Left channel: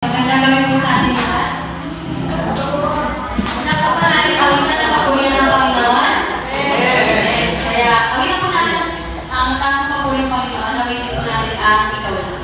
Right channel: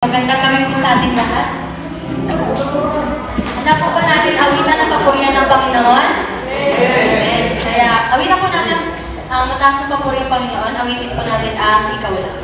Magandang gabi po sa ating lahat. Napapanalig awitan ng papurihan ng Panginoon? Yes. Kaya awitan po natin ang mataas ng papurihan ng Panginoon. Ang itin po natin ang ikaw lang.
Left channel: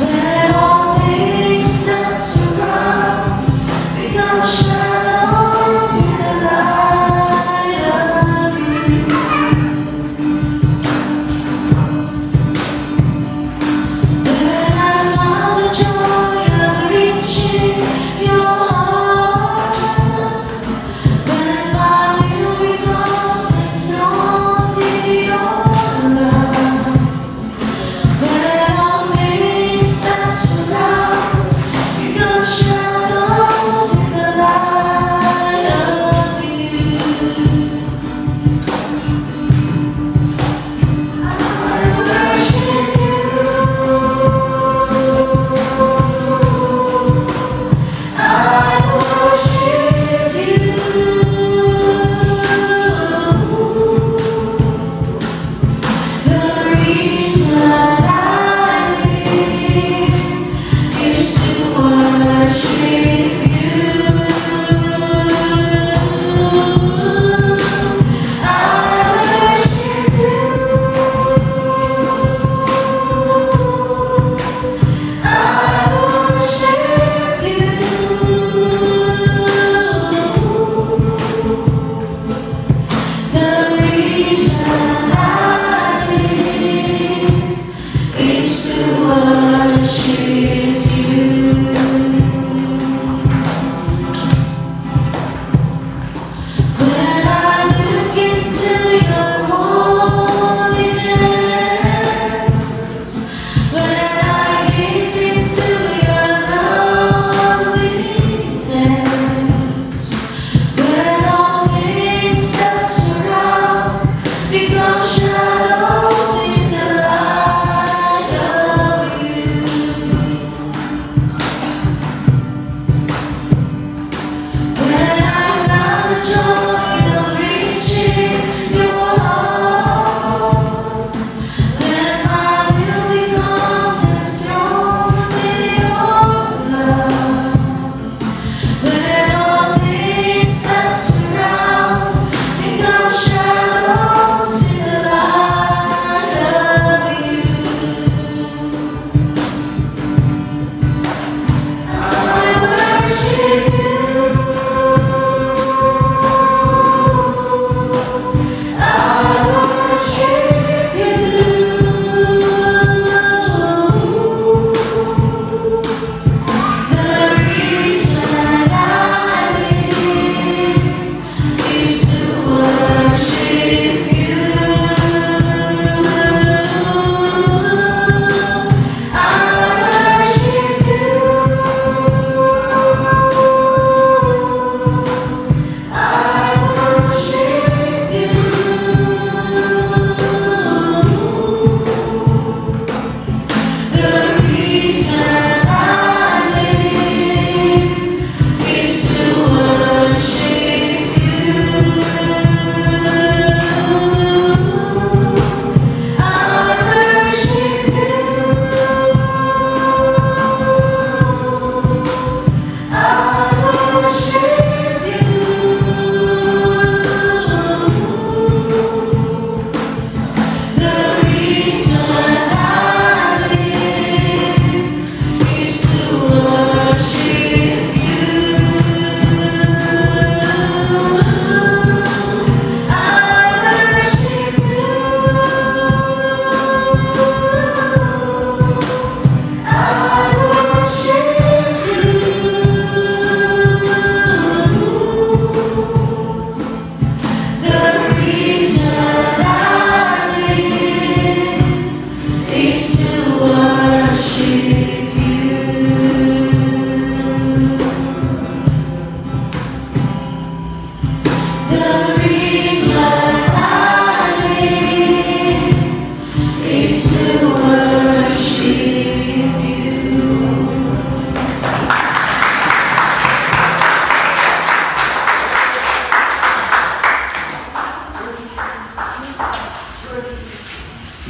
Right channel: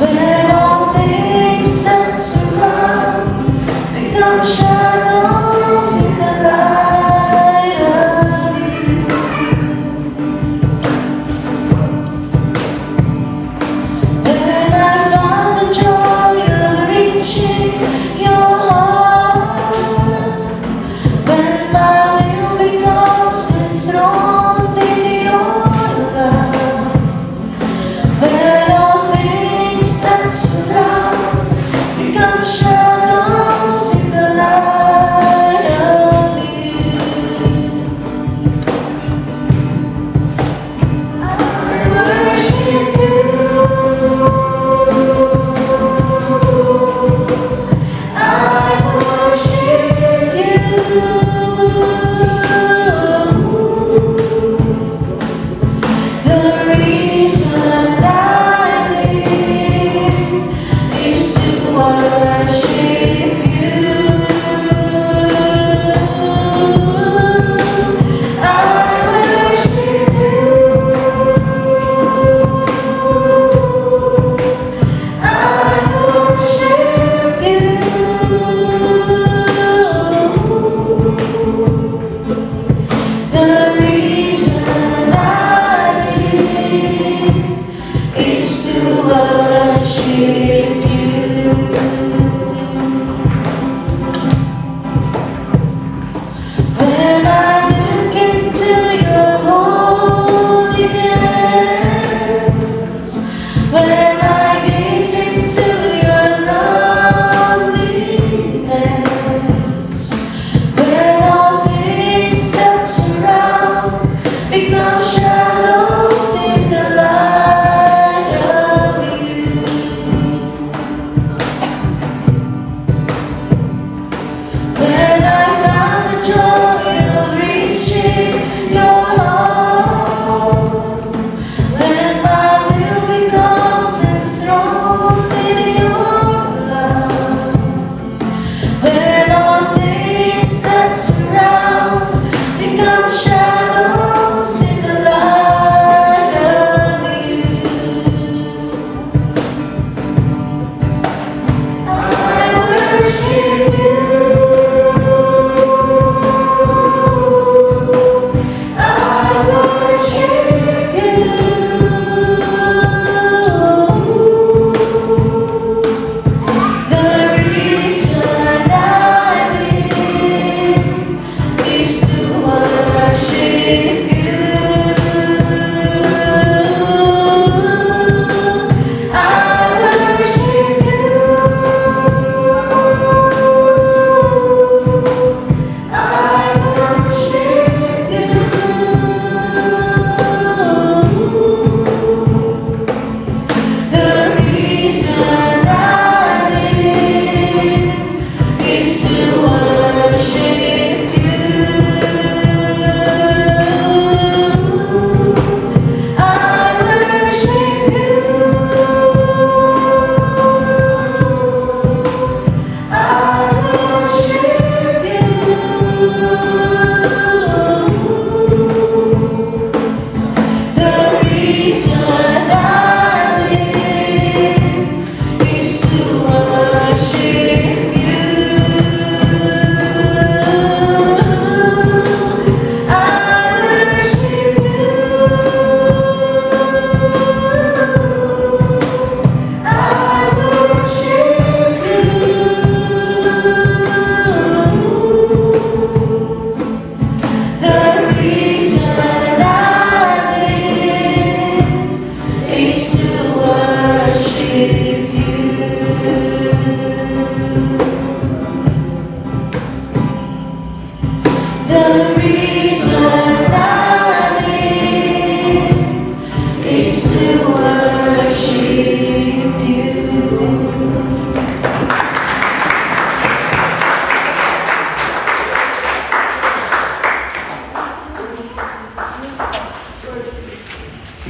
When I walk this, that's right.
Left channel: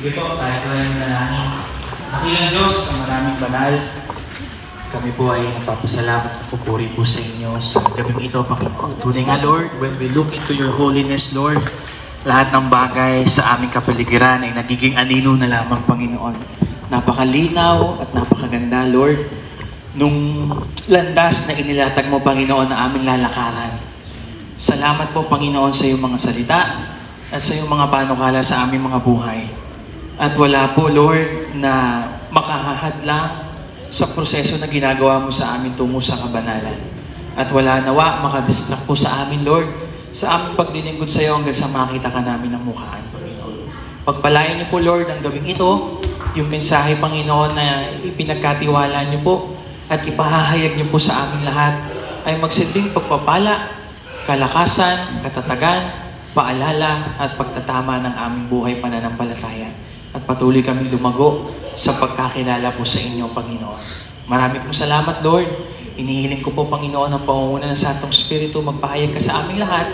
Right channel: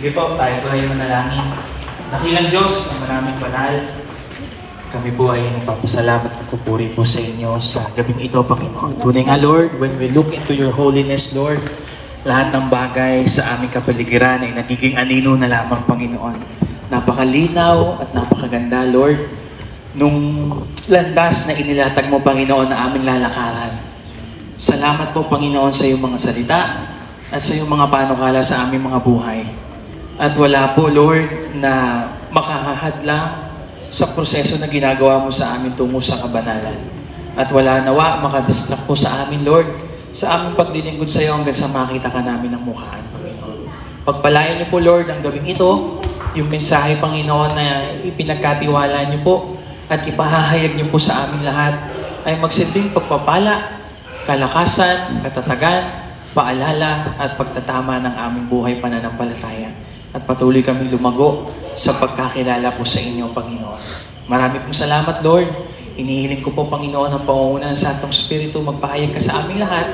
Sige po, tayo po ay manalangin. Dakilang Diyos, ang maraming banal. Kami po ay nagpapasalamat at pupuri po sa inyo sa gabing ito, Panginoon. Tunay nga, Lord, when we look into your holiness, Lord, lahat ng bagay sa aming kapaligiran ay nagiging anino na lamang, Panginoon. Napakalinaw at napakaganda, Lord, nung landas na inilatag mo, Panginoon, na aming lalakaran. Salamat po, Panginoon, sa iyong mga salita at sa iyong mga panukala sa aming mga buhay. At wala po, Lord, na makakahadlang sa proseso na ginagawa mo sa amin tungo sa kabanalan. At wala nawa makadistract po sa amin, Lord, sa aming pagdilingkod sa iyo hanggang sa makita ka namin ng mukhaan, Panginoon. Pagpalain niyo po, Lord, ang gawing ito, yung mensahe, Panginoon, na ipinagkatiwala niyo po at ipahahayag niyo po sa amin lahat ay magsilbing pagpapala, kalakasan, katatagan, paalala at pagtatama ng aming buhay pananampalataya. At patuloy kami lumago sa pagkakilala po sa inyo, Panginoon. Marami pong salamat, Lord. Inihiling ko po, Panginoon, ang pangungunan sa atong Espiritu, magpahayag ka sa aming lahat,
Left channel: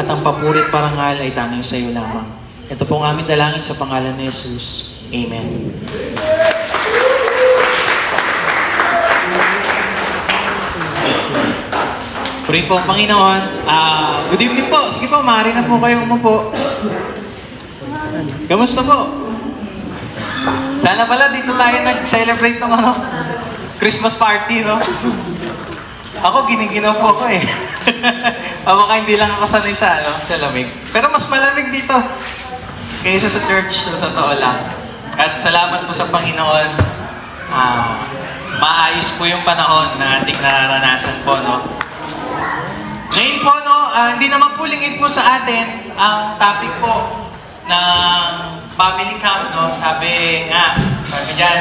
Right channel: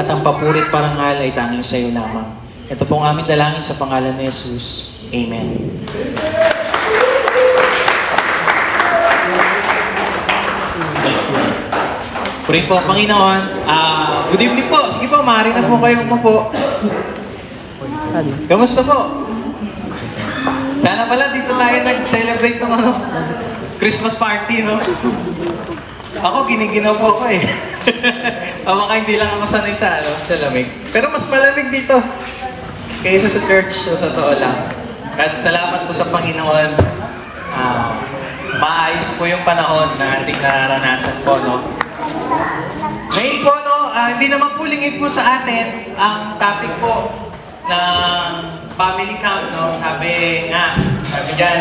at ang papurit parangal ay tanging sa iyo lamang. Ito po ang aming dalangin sa pangalan ni Jesus. Amen. Purihin po, Panginoon. Good evening po. Sige po, maaari na po kayong umupo. Kamusta po? Sana pala dito tayo nag-celebrate ng Christmas party, no? Ako, giniginaw po ako eh. Baka hindi lang ako sanay sa lamig. Pero mas malamig dito kaysa sa church, so totoo lang. At salamat po sa Panginoon. Maayos po yung panahon na ating naranasan po, no? Ngayon po, no, hindi naman po lingid po sa atin ang topic po ng family town, no? Sabi dyan,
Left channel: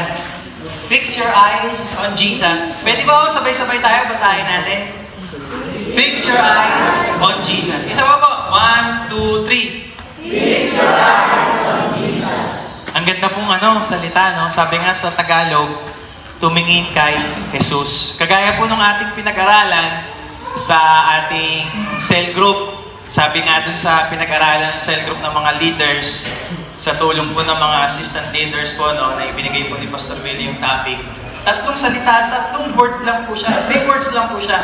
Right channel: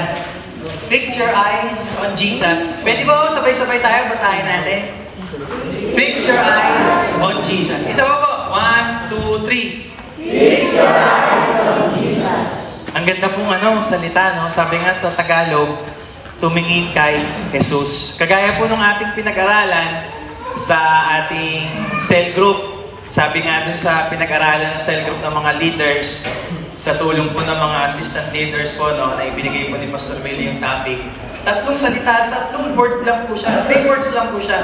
fix your eyes on Jesus. Pwede po, sabay-sabay tayo, basahin natin. Fix your eyes on Jesus. Isa po, 1, 2, 3. Fix your eyes on Jesus. Ang ganda pong salita, no? Sabi nga sa Tagalog, tumingin kay Jesus. Kagaya po nung ating pinag-aralan sa ating cell group, Sabi nga dun sa pinag-aralan ng cell group ng mga leaders, sa tulong po ng mga assistant leaders po, no, na ibinigay po ni Pastor Billy yung topic, 3 salita, 3 word lang po siya, 3 words lang po siya.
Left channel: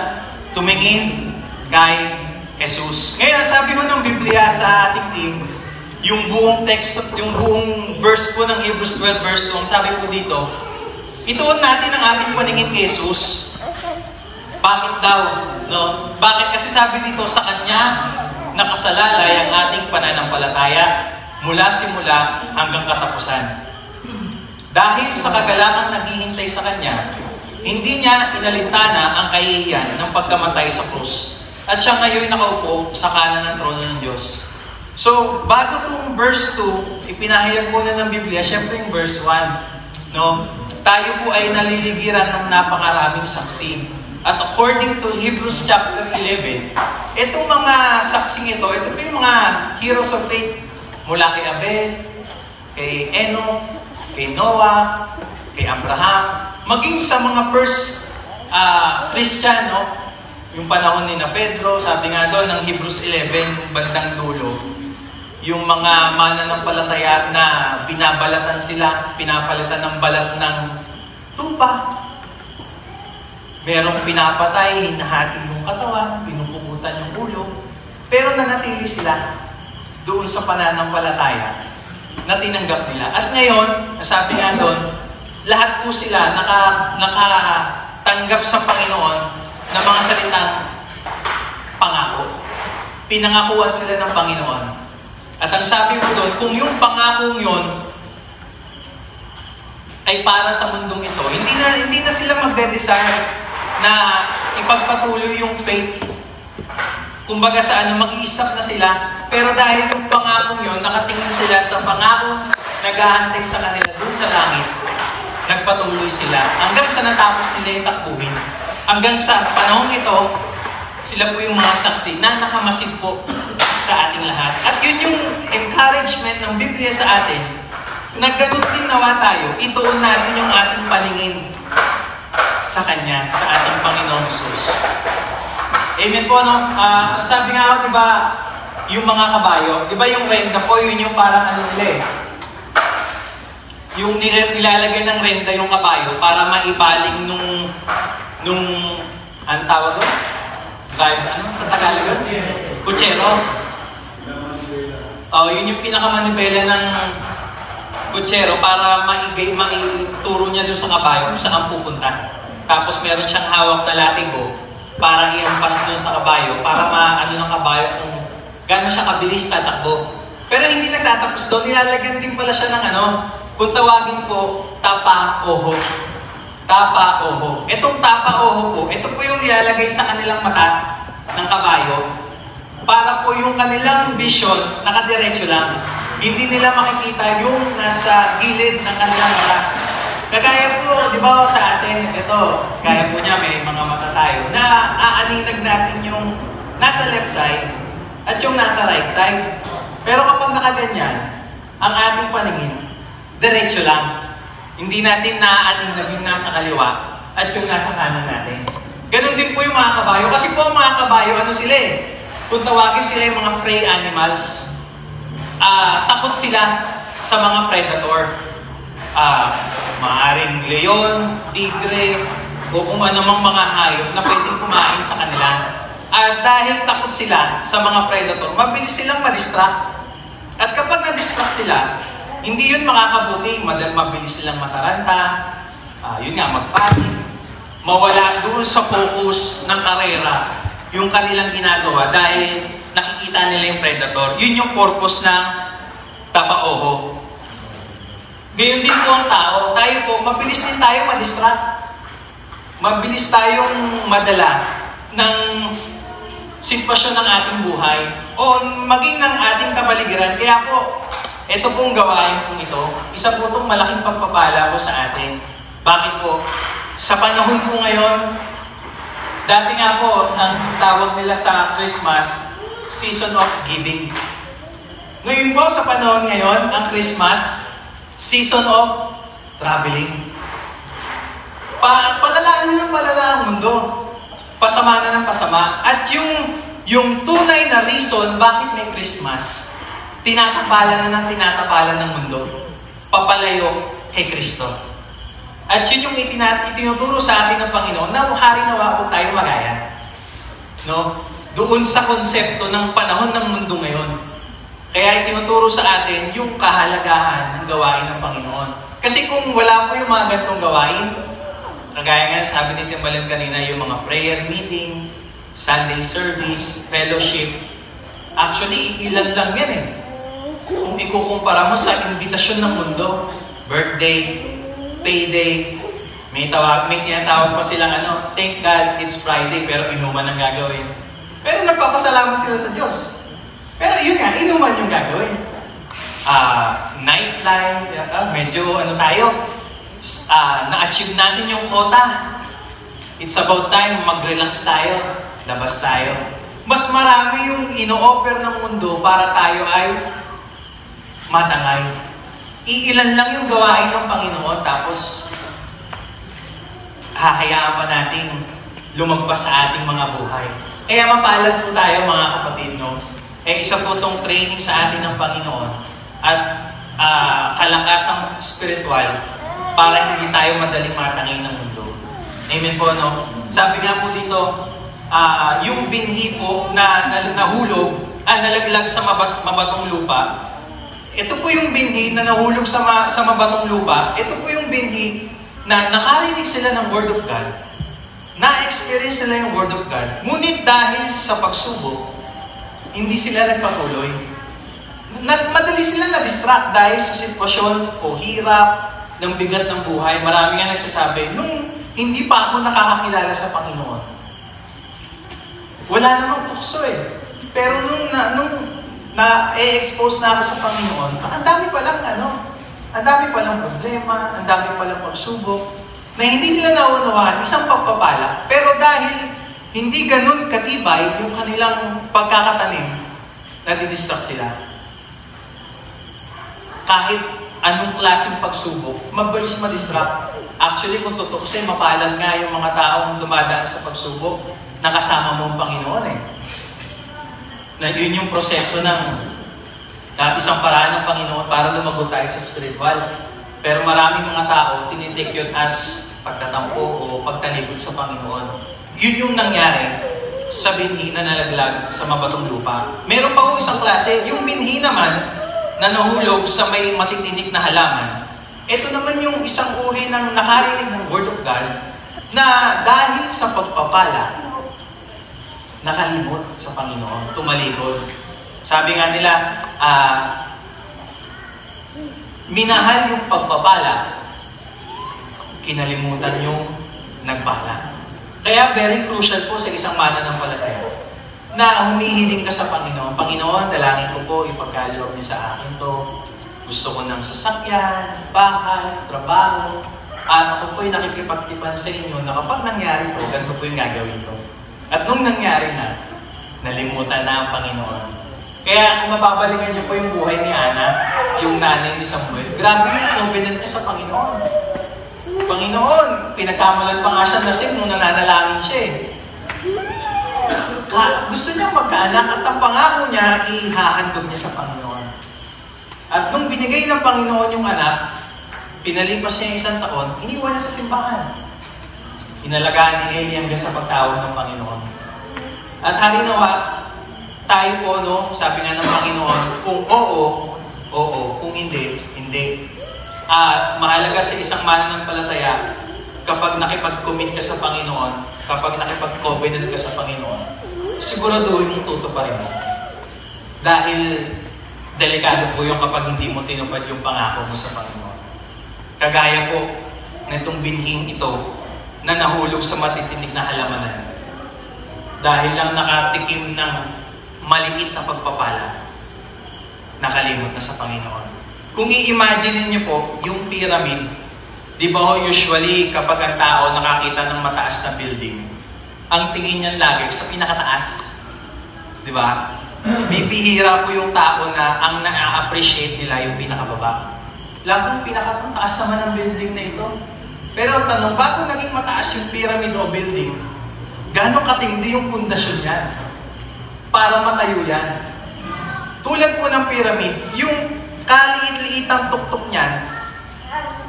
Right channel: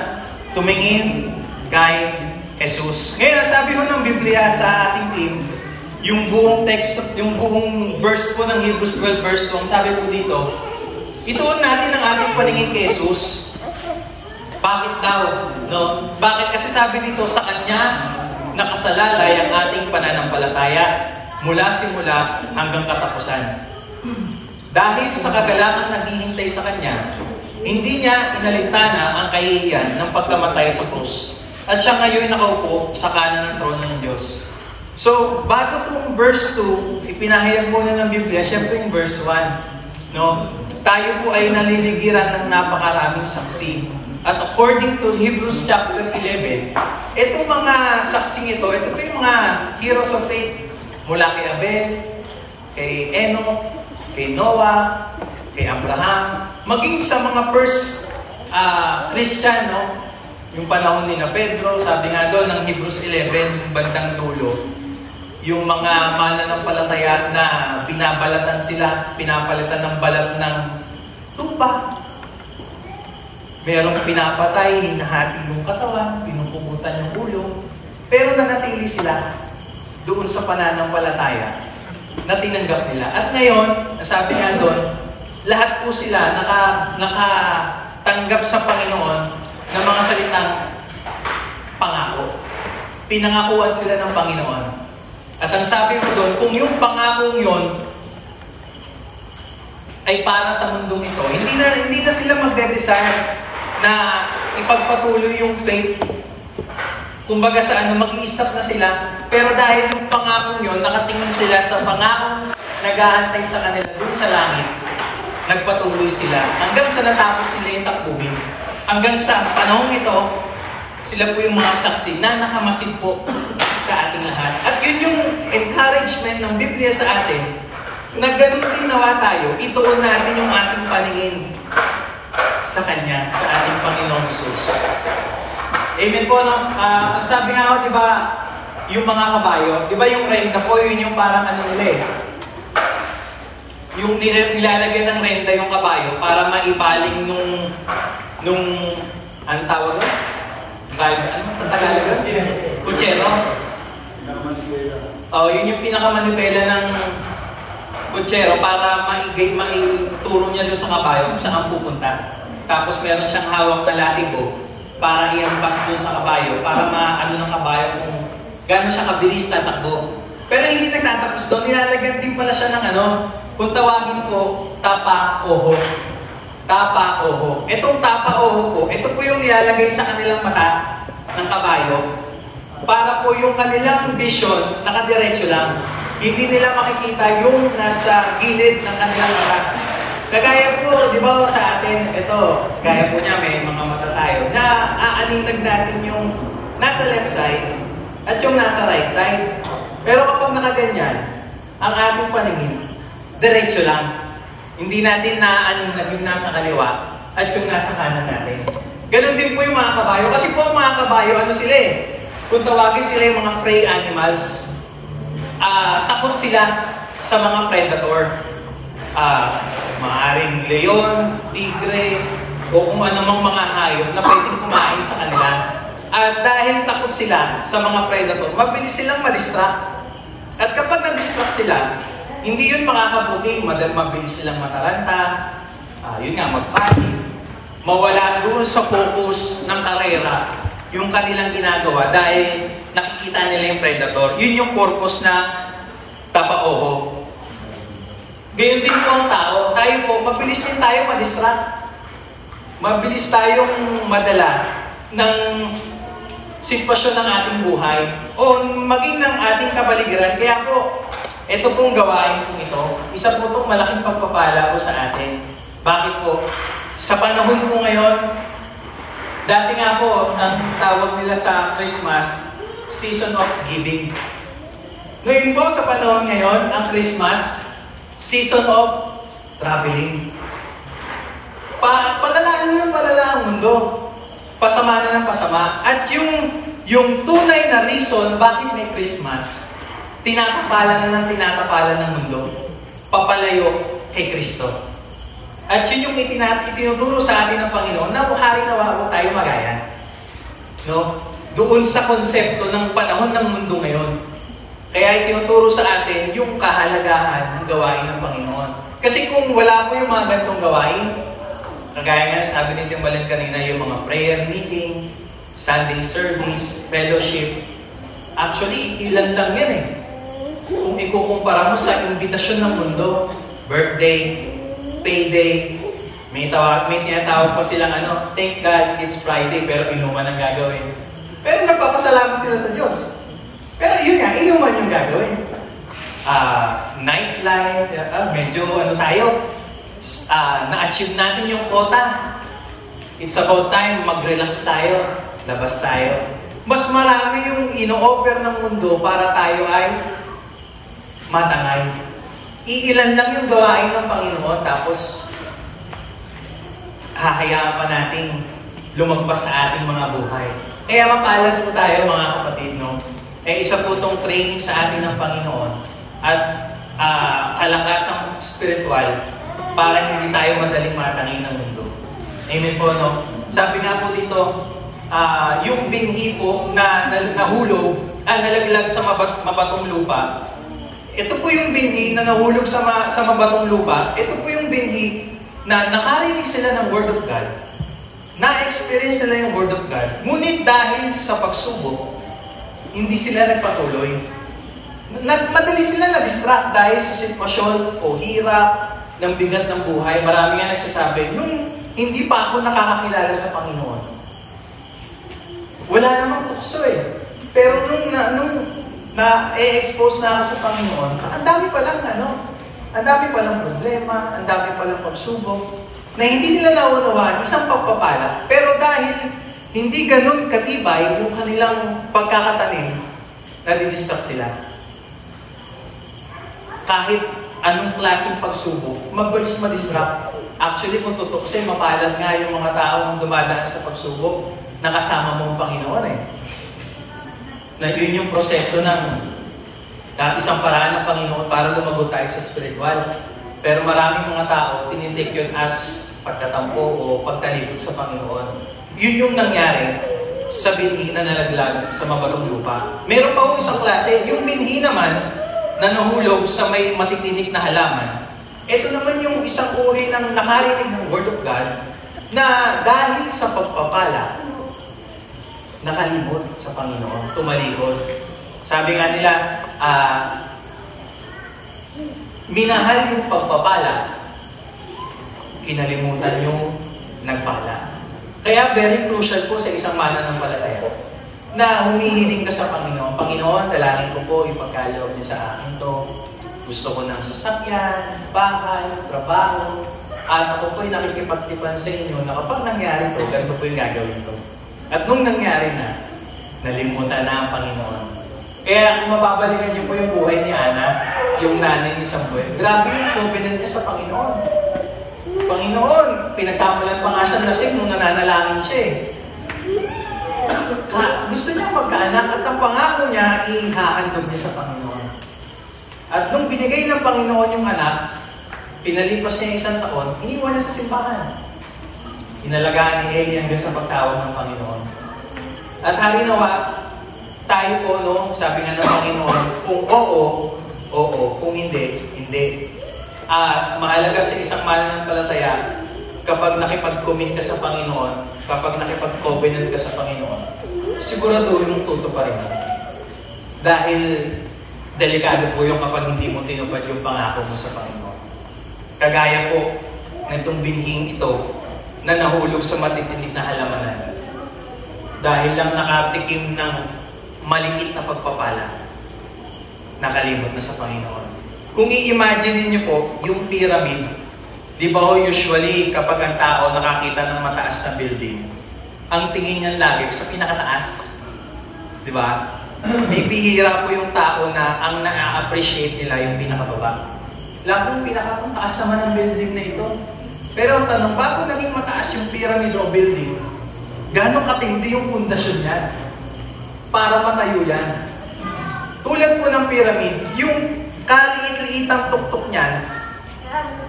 Tumingin kay Jesus. Ngayon, sabi mo ng Biblia sa ating team, yung buong text, yung buong verse po ng Hebrews 12 verse 2, sabi po dito, ituon natin ang ating paningin kay Jesus. Bakit daw? No? Bakit? Kasi sabi dito, sa Kanya nakasalalay ang ating pananampalataya mula simula hanggang katapusan. Dahil sa kagalangan naghihintay sa Kanya, hindi niya inalintana ang kahihiyan ng pagkamatay sa krus. At siya ngayon nakaupo sa kanan ng trono ng Diyos. So, bago itong verse 2, ipinahayag po na ng Biblia, syempre yung verse 1. No? Tayo po ay naliligiran ng napakaraming saksi. At according to Hebrews chapter 11, itong mga saksing ito, ito po yung mga heroes of faith. Mula kay Abel, kay Enoch, kay Noah, kay Abraham, maging sa mga first Christian, no? Yung panahon ni na Pedro, sabi nga doon ng Hebrews 11, bandang dulo, yung mga mananampalataya na binabalatan sila, pinapalitan ng balat ng tupa. Merong pinapatay, hinahati yung katawan, pinupugutan yung ulo, pero nanatili sila doon sa pananampalataya na tinanggap nila. At ngayon, sabi nga doon, lahat po sila nakatanggap sa Panginoon ng mga salitang pangako. Pinangakuan sila ng Panginoon. At ang sabi mo doon, kung yung pangakong yun ay para sa mundong ito, hindi na sila magde-desire na ipagpatuloy yung faith. Kumbaga sa mag-i-stop na sila. Pero dahil yung pangakong yun, nakatingin sila sa pangakong nag-aantay sa kanila doon sa langit, nagpatuloy sila hanggang sa natapos nila yung takbuhin. Hanggang sa panahong ito, sila po yung mga saksi na nakamasid po sa ating lahat. At yun yung encouragement ng Biblia sa atin, na ganun din nawa tayo, ituon natin yung ating paningin sa Kanya, sa ating Panginoong Jesus. Amen po, no? Sabi nga ako, di ba, yung mga kabayo, di ba yung renda po, yun yung parang ano nila eh. Yung nilalagay ng renda yung kabayo para maibaling nung anong tawag doon? Sa Tagalog? Kutsero. Yun yung pinakamanibela ng kutsero para maituro niya doon sa kabayo kung saan pupunta. Tapos meron siyang hawak na latigo para i-ampas doon sa kabayo, para maano ng kabayo kung gano'n siya kabilis tatakbo. Pero hindi nagtatapos doon, nilalagyan din pala siya ng kung tawagin ko, tapa-oho. Tapa-oho. Itong tapa-oho po, ito po yung nilalagay sa kanilang mata ng kabayo para po yung kanilang vision nakadiretso lang. Hindi nila makikita yung nasa gilid ng kanilang mata. Kagaya po, di ba sa atin, ito, gaya po niya, may mga mata tayo, na aaninag natin yung nasa left side at yung nasa right side. Pero kapag nakaganyan, ang ating paningin, diretso lang. Hindi natin naaaninag yung nasa kaliwa at yung nasa kanan natin. Ganon din po yung mga kabayo. Kasi po ang mga kabayo, ano sila eh? Kung tawagin sila yung mga prey animals, takot sila sa mga predator. Maaring leon, tigre, o kung anumang mga hayop na pwedeng kumain sa kanila. At dahil takot sila sa mga predator, mabilis silang ma-distract. At kapag na-distract sila, hindi yun makakabuti. Mabilis silang mataranta, yun nga, magpanik, mawala doon sa focus ng karera yung kanilang ginagawa dahil nakikita nila yung predator. Yun yung purpose ng tapa-oho. Gayon din po ang tao. Tayo po, mabilis din tayo ma-distract. Mabilis tayong madala ng sitwasyon ng ating buhay o maging ng ating kapaligiran. Kaya po, ito pong gawain po ito, isa po itong malaking pagpapala po sa atin. Bakit po? Sa panahon po ngayon, dati nga po, ang tawag nila sa Christmas, season of giving. Ngayon po, sa panahon ngayon, ang Christmas, season of traveling. Palala na ng palala ang mundo. Pasama na ng pasama. At yung yung tunay na reason bakit may Christmas, tinatapalan na ng tinatapalan ng mundo, papalayo kay Kristo. At yun yung itinuturo sa atin ng Panginoon na hari nawa po tayo magaya. No? Doon sa konsepto ng panahon ng mundo ngayon. Kaya itinuturo sa atin yung kahalagahan ng gawain ng Panginoon. Kasi kung wala po yung mga ganitong gawain, kagaya nga sabi ni Timbalan kanina, yung mga prayer meeting, Sunday service, fellowship, actually, ilan lang yan eh. Kung ikukumpara mo sa imbitasyon ng mundo, birthday, payday, may tinatawag pa silang thank God it's Friday, pero inuman ang gagawin. Pero nagpapasalamat sila sa Diyos. Pero yun nga, inuman yung gagawin. Nightlife, medyo tayo, na-achieve natin yung quota. It's about time, mag-relax tayo, labas tayo. Mas marami yung ino-offer ng mundo para tayo ay matangay. Iilan lang yung gawain ng Panginoon, tapos hahayaan pa natin lumagpas sa ating mga buhay. Kaya mapalad po tayo mga kapatid, no? Isa po itong training sa atin ng Panginoon at kalakasang spiritual para hindi tayo madaling matangay ng mundo. Amen po, no? Sabi nga po dito, yung binhi po na nahulog, nalaglag sa mabatong lupa, ito po yung binhi na nahulog sa mabatong lupa, ito po yung binhi na nakarinig sila ng Word of God, na-experience nila yung Word of God, ngunit dahil sa pagsubok, hindi sila nagpatuloy. Madali sila na-distract dahil sa sitwasyon o hirap ng bigat ng buhay. Marami nga nagsasabi, nung hindi pa ako nakakakilala sa Panginoon, wala namang tukso eh. Pero nung na-expose na ako sa Panginoon, ang dami palang problema, ang dami palang pagsubok, na hindi nila naunawaan, isang pagpapala. Pero dahil hindi ganun katibay yung kanilang pagkakatanim, nadidistract sila. Kahit anong klaseng pagsubok, mabilis ma-distract. Actually, kung tutukusin, mapalad nga yung mga taong dumadaan sa pagsubok, nakasama mo ang Panginoon eh. Na yun yung proseso ng isang paraan ng Panginoon para lumago tayo sa spiritual. Pero maraming mga tao, tinitake yun as pagtatampo o pagtalikod sa Panginoon. Yun yung nangyari sa binhi na nalaglag sa mabatong lupa. Meron pa isang klase, yung binhi naman na nahulog sa may matitinik na halaman. Ito naman yung isang uri ng nakarinig ng Word of God na dahil sa pagpapala, nakalimot sa Panginoon, tumalikod. Sabi nga nila, minahal yung pagpapala, kinalimutan yung nagpala. Kaya very crucial po sa isang mananampalataya na humihiling ka sa Panginoon. Panginoon, dalangin ko po, ipagkaloob niyo sa akin to. Gusto ko ng sasakyan, bahay, trabaho. At ako po'y nakikipagtipan sa inyo na kapag nangyari to, ganito po yung gagawin ko. At nung nangyari na, nalimutan na ang Panginoon. Kaya kung mababalikan niyo po yung buhay ni Ana, yung nanay ni Samuel, grabe yung confident niya sa Panginoon. Panginoon, pinagkamalan pa nga siya lasing nung nananalangin siya eh. Gusto niya magkaanak at ang pangako niya, ihahandog niya sa Panginoon. At nung binigay ng Panginoon yung anak, pinalipas niya isang taon, iniwan niya sa simbahan. Inalagaan ni Eli hanggang sa pagtawag ng Panginoon. At halinawa, tayo po, no, sabi nga ng Panginoon, kung oo, oo, kung hindi, hindi. Mahalaga sa isang mananampalataya, kapag nakipag-commit ka sa Panginoon, kapag nakipag-covenant ka sa Panginoon, siguraduhin mong tutuparin mo. Dahil delikado po yung kapag hindi mo tinupad yung pangako mo sa Panginoon. Kagaya po nitong binhing ito na nahulog sa matitinig na halamanan. Dahil lang nakatikim ng maliit na pagpapala, nakalimot na sa Panginoon. Kung i-imagine niyo po, yung pyramid, di ba usually kapag ang tao nakakita ng mataas na building, ang tingin niyan lagi sa pinakataas. Di ba? Bibihira po yung tao na ang na-appreciate nila yung pinakababa. Lagong pinakataas naman ng building na ito. Pero ang tanong, bago naging mataas yung pyramid o building, gano'ng katindi yung pundasyon niya? para matayo yan. Tulad po ng pyramid, yung kaliit-liitang tuktok niyan,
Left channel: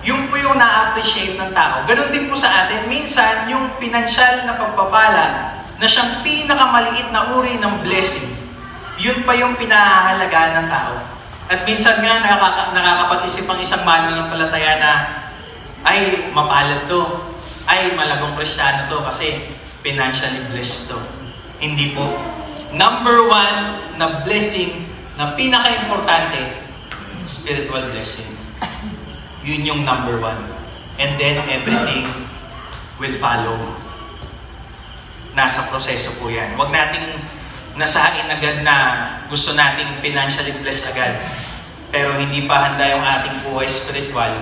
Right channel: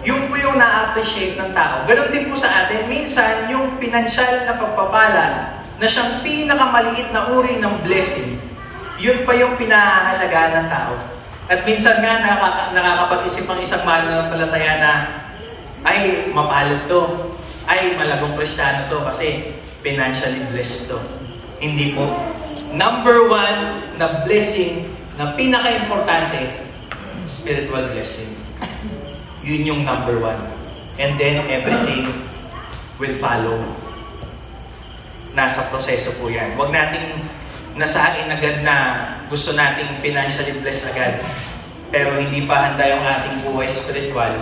yung po yung na-appreciate ng tao. Ganon din po sa atin. Minsan, yung pinansyal na pagpapala na siyang pinakamaliit na uri ng blessing, yun pa yung pinahahalagaan ng tao. At minsan nga, nakakapag-isip ang isang mananampalataya na, ay, mapalad to. Ay, malagong Kristiyano to kasi financially blessed to. Hindi po. Number one na blessing na pinaka-importante, spiritual blessing. Yun yung number one. And then everything will follow. Nasa proseso po yan. Huwag nating nasain agad na gusto nating financially blessed agad. Pero hindi pa handa yung ating buhay spiritual.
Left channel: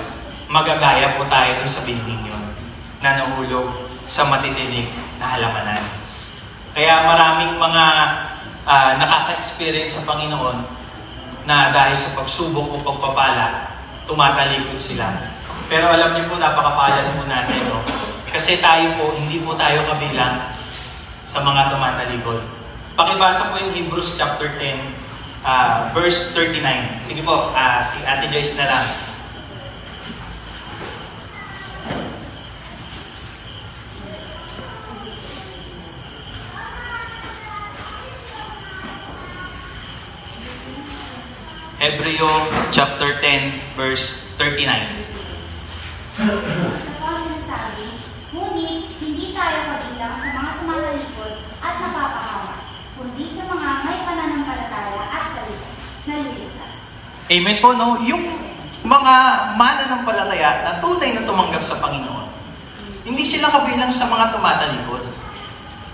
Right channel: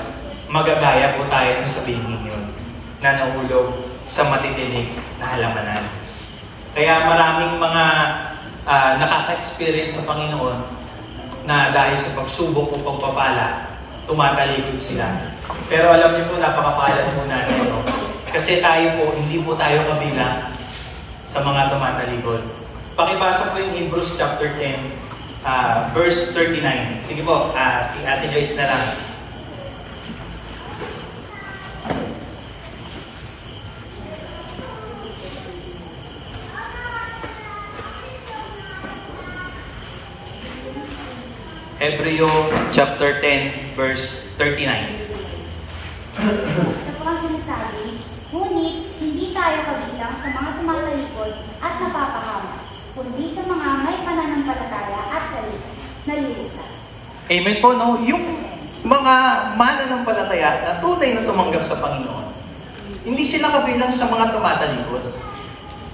Magagaya po tayo kung sabihin yun na nahulog sa matitinig na halamanan. Kaya maraming mga nakaka-experience sa Panginoon na dahil sa pagsubok o pagpapala, tumatalikod sila. Pero alam niyo po, napakapalad po natin, no? Kasi tayo po, hindi po tayo kabilang sa mga tumatalikod. Pakibasa po yung Hebrews chapter 10, verse 39. Sige po, si Ate Joyce na lang. Hebreo chapter 10, verse 39. Ito po ang sinasabi, ngunit hindi tayo kabilang sa mga tumatalikod at napapahamak, kundi sa mga may pananampalataya at nalilitas. Amen po, no? Yung mga mananampalataya na tunay na tumanggap sa Panginoon, hindi sila kabilang sa mga tumatalikod.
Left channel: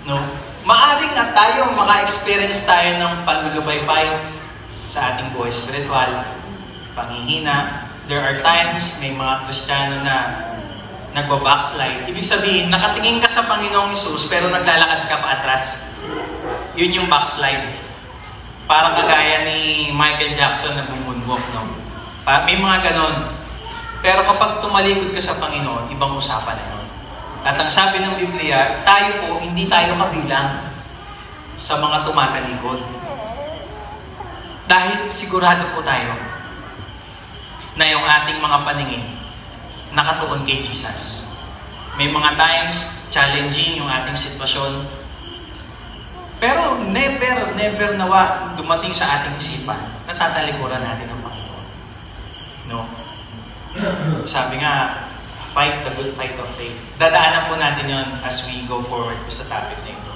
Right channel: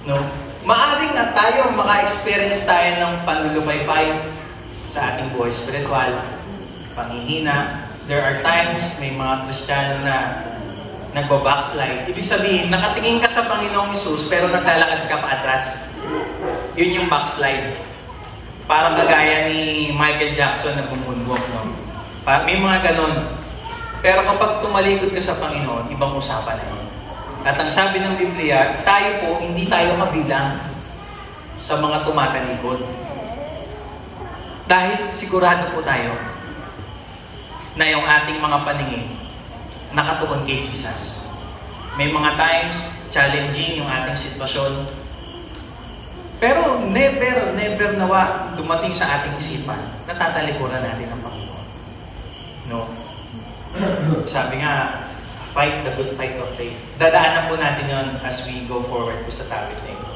No? Maaring at tayo, maka-experience tayo ng panlulubaypay sa ating buhay spiritual, panghihina. There are times, may mga Kristiyano na nagbabackslide. Ibig sabihin, nakatingin ka sa Panginoong Hesus, pero naglalakad ka pa atras. Yun yung backslide. Parang kagaya ni Michael Jackson na bumunwalk, no? May mga ganon. Pero kapag tumalikod ka sa Panginoon, ibang usapan na yun. At ang sabi ng Biblia, tayo po, hindi tayo kabilang sa mga tumatalikod. Dahil sigurado po tayo na yung ating mga paningin nakatuon kay Jesus. May mga times, challenging yung ating sitwasyon. Pero never nawa dumating sa ating isipan na tatalikuran natin ang Panginoon. No? Sabi nga, fight the good fight of faith. Dadaanan po natin yon as we go forward po sa topic na ito.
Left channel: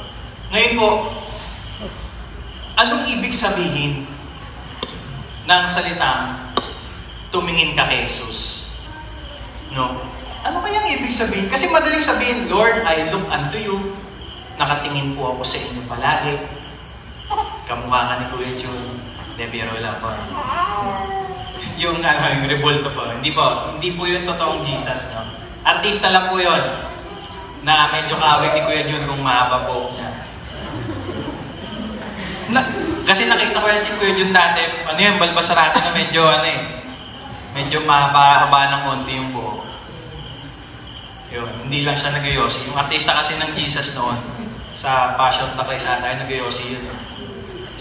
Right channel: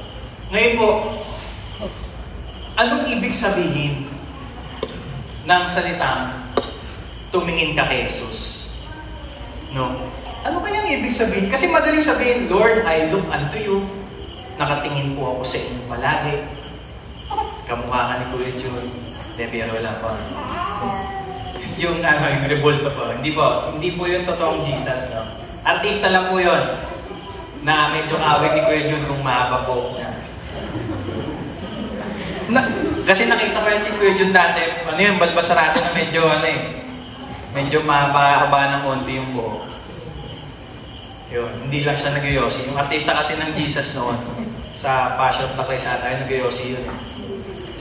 Ngayon po, anong ibig sabihin ng salitang tumingin ka kay Jesus? No? Ano kayang ibig sabihin? Kasi madaling sabihin, Lord, I look unto you. Nakatingin po ako sa inyo palagi. Kamukha ka ni Kuya Jun. Biro lang po. Yung revolto po. Hindi po yung totoong Jesus. No? Artista lang po yun. Na medyo kawig ni Kuya Jun kung mahaba po niya. Kasi nakita ko si Kuya Jun dati, balbasarato na medyo mahaba ng konti yung buhok. Yun, hindi lang siya nag-yosi. Yung artista kasi ng Jesus noon, sa Passion na Christ tayo, nag-yosi yun.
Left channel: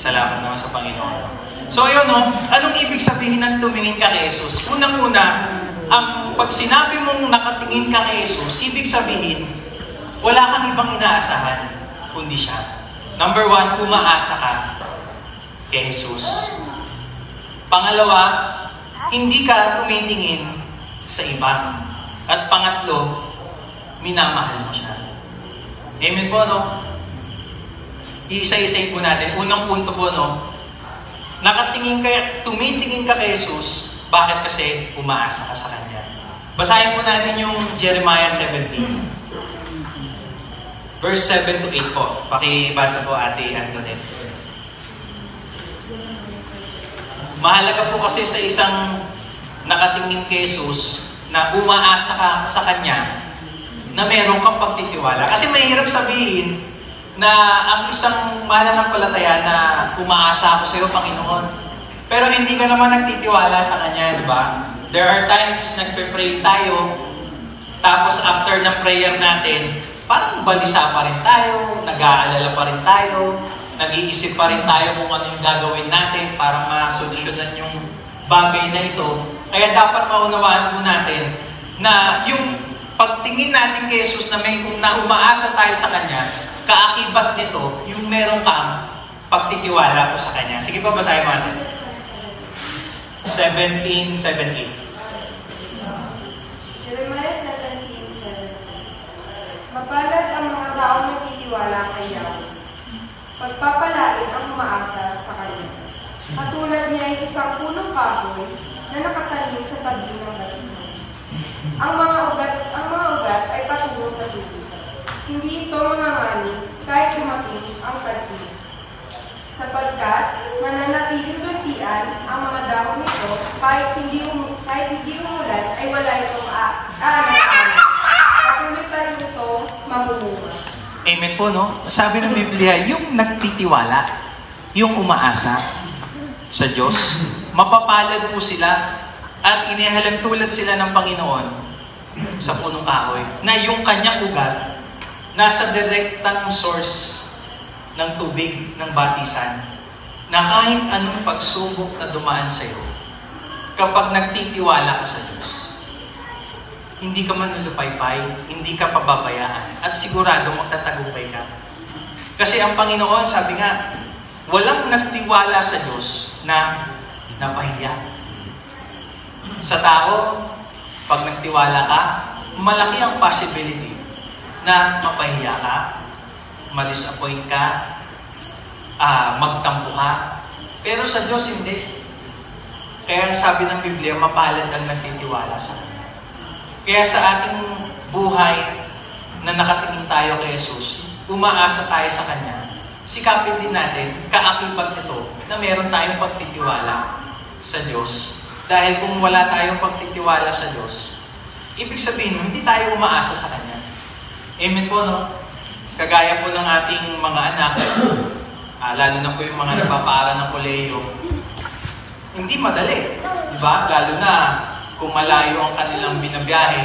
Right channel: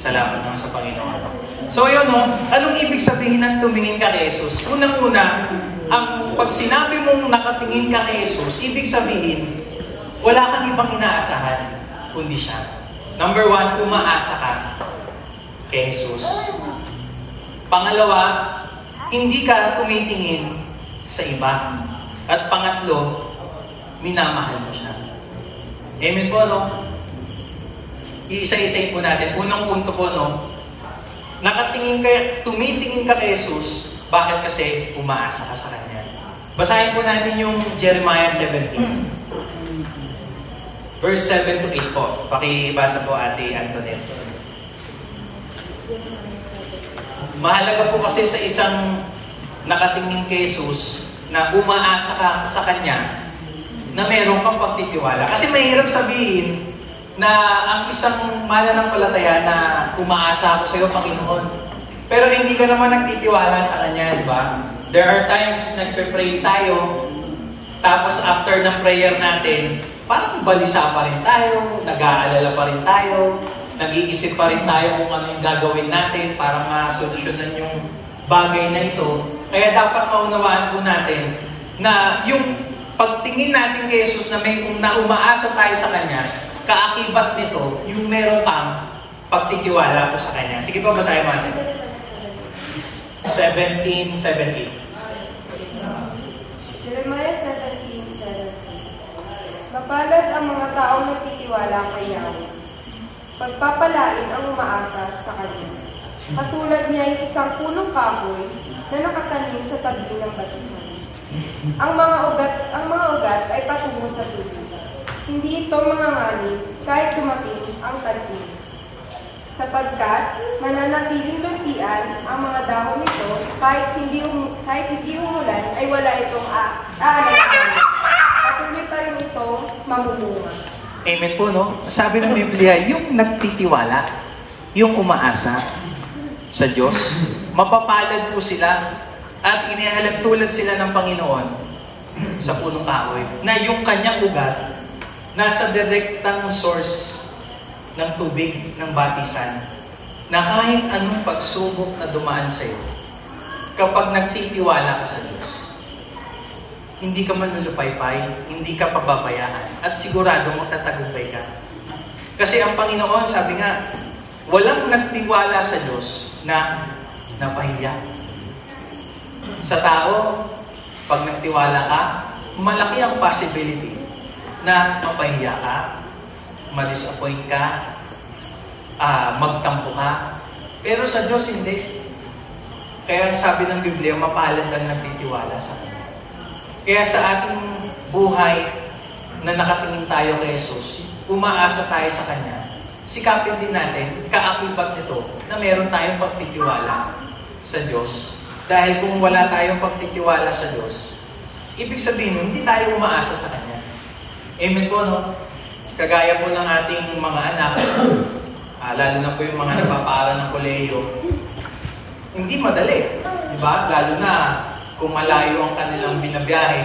Salamat naman sa Panginoon. So yun, no? Anong ibig sabihin ng tumingin ka kay Jesus? Unang-una, pag sinabi mong nakatingin ka kay Jesus, ibig sabihin, wala kang ibang inaasahan, kundi siya. Number one, umaasa ka kay Jesus. Pangalawa, hindi ka tumitingin sa iba. At pangatlo, minamahal mo siya. Amen po, no? Iisa-isay po natin. Unang punto po, no? Tumitingin ka kay Jesus. Bakit? Kasi umaasa ka sa Kanya. Basahin po natin yung Jeremiah 17. Verse 7 to 8 po. Pakibasa po, Ate Antoinette. Mahalaga po kasi sa isang nakatingin kay Jesus na umaasa ka sa Kanya na meron kang pagtitiwala. Kasi mahirap sabihin na ang isang mananampalataya na umaasa ako sa iyo, Panginoon. Pero hindi ka naman nagtitiwala sa Kanya, di ba? There are times nagpe-pray tayo, tapos after ng prayer natin, parang balisa pa rin tayo, nag-aalala pa rin tayo, nag-iisip pa rin tayo kung ano yung gagawin natin para masolusyonan yung bagay na ito. Kaya dapat maunawaan po natin na yung pagtingin natin kay Jesus na umaasa tayo sa Kanya, kaakibat nito, yung meron kang pagtitiwala po sa Kanya. Sige po, basahin natin. 17:17. Jeremiah 17:17. Mapalad ang mga taong nagtitiwala kay Yahweh. Pagpapalain ang umaasa sa Kanya. Katulad niya ay isang punong kahoy na nakatanim sa tabi ng batihan. Ang mga ugat ay patungo sa tubig. Hindi ito mangangani kahit dumating ang tagtulog. Sapagkat mananatiling luntian ang mga dahon nito kahit hindi umulan ay wala itong aanay. Patuloy pa rin ito mamumunga. Amen po, no? Sabi ng Biblia, yung nagtitiwala, yung umaasa sa Diyos, mapapalad po sila at inihalagtulad sila ng Panginoon sa punong kahoy na yung kanyang ugat nasa direktang source ng tubig ng batisan na kahit anong pagsubok na dumaan sa iyo, kapag nagtitiwala ka sa Diyos, hindi ka manlulupaypay, hindi ka pababayaan, at sigurado magtatagumpay ka. Kasi ang Panginoon, sabi nga, walang nagtiwala sa Diyos na napahiya. Sa tao, pag nagtiwala ka, malaki ang possibility na mapahiya ka, ma-disappoint ka, magtampo ka. Pero sa Diyos, hindi. Kaya sabi ng Biblia, mapalad ang nagtitiwala sa Kanya. Kaya sa ating buhay na nakatingin tayo kay Jesus, umaasa tayo sa Kanya, sikapin din natin, kaakibat nito, na meron tayong pagtitiwala sa Diyos. Dahil kung wala tayong pagtitiwala sa Diyos, ibig sabihin, hindi tayo umaasa sa Kanya. Amen po, no? Kagaya po ng ating mga anak, lalo na po yung mga nagpapaaral ng kolehiyo, hindi madali. Diba? Lalo na kung malayo ang kanilang binabiyahe,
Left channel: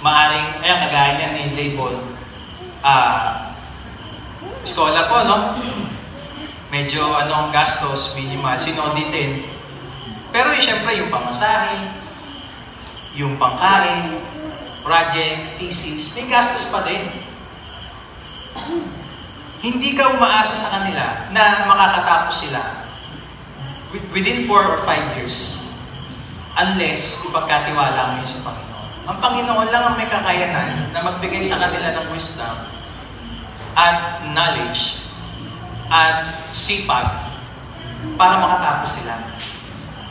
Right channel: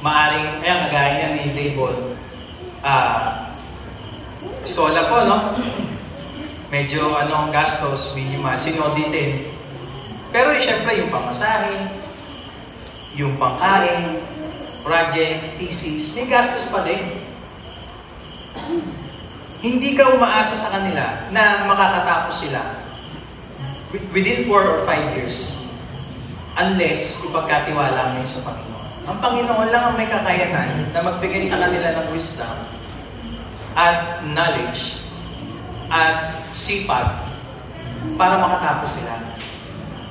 maaring, kagaya niya ni Label, eskola po, no? Medyo ang gastos, minimal, sinoditin. Pero siyempre yung pamasahe, yung pangkain, project, thesis, may gastos pa din. Hindi ka umaasa sa kanila na makakatapos sila within 4 or 5 years unless ipagkatiwala mo sa Panginoon. Ang Panginoon lang ang may kakayanan na magbigay sa kanila ng wisdom at knowledge at sipag para makatapos sila.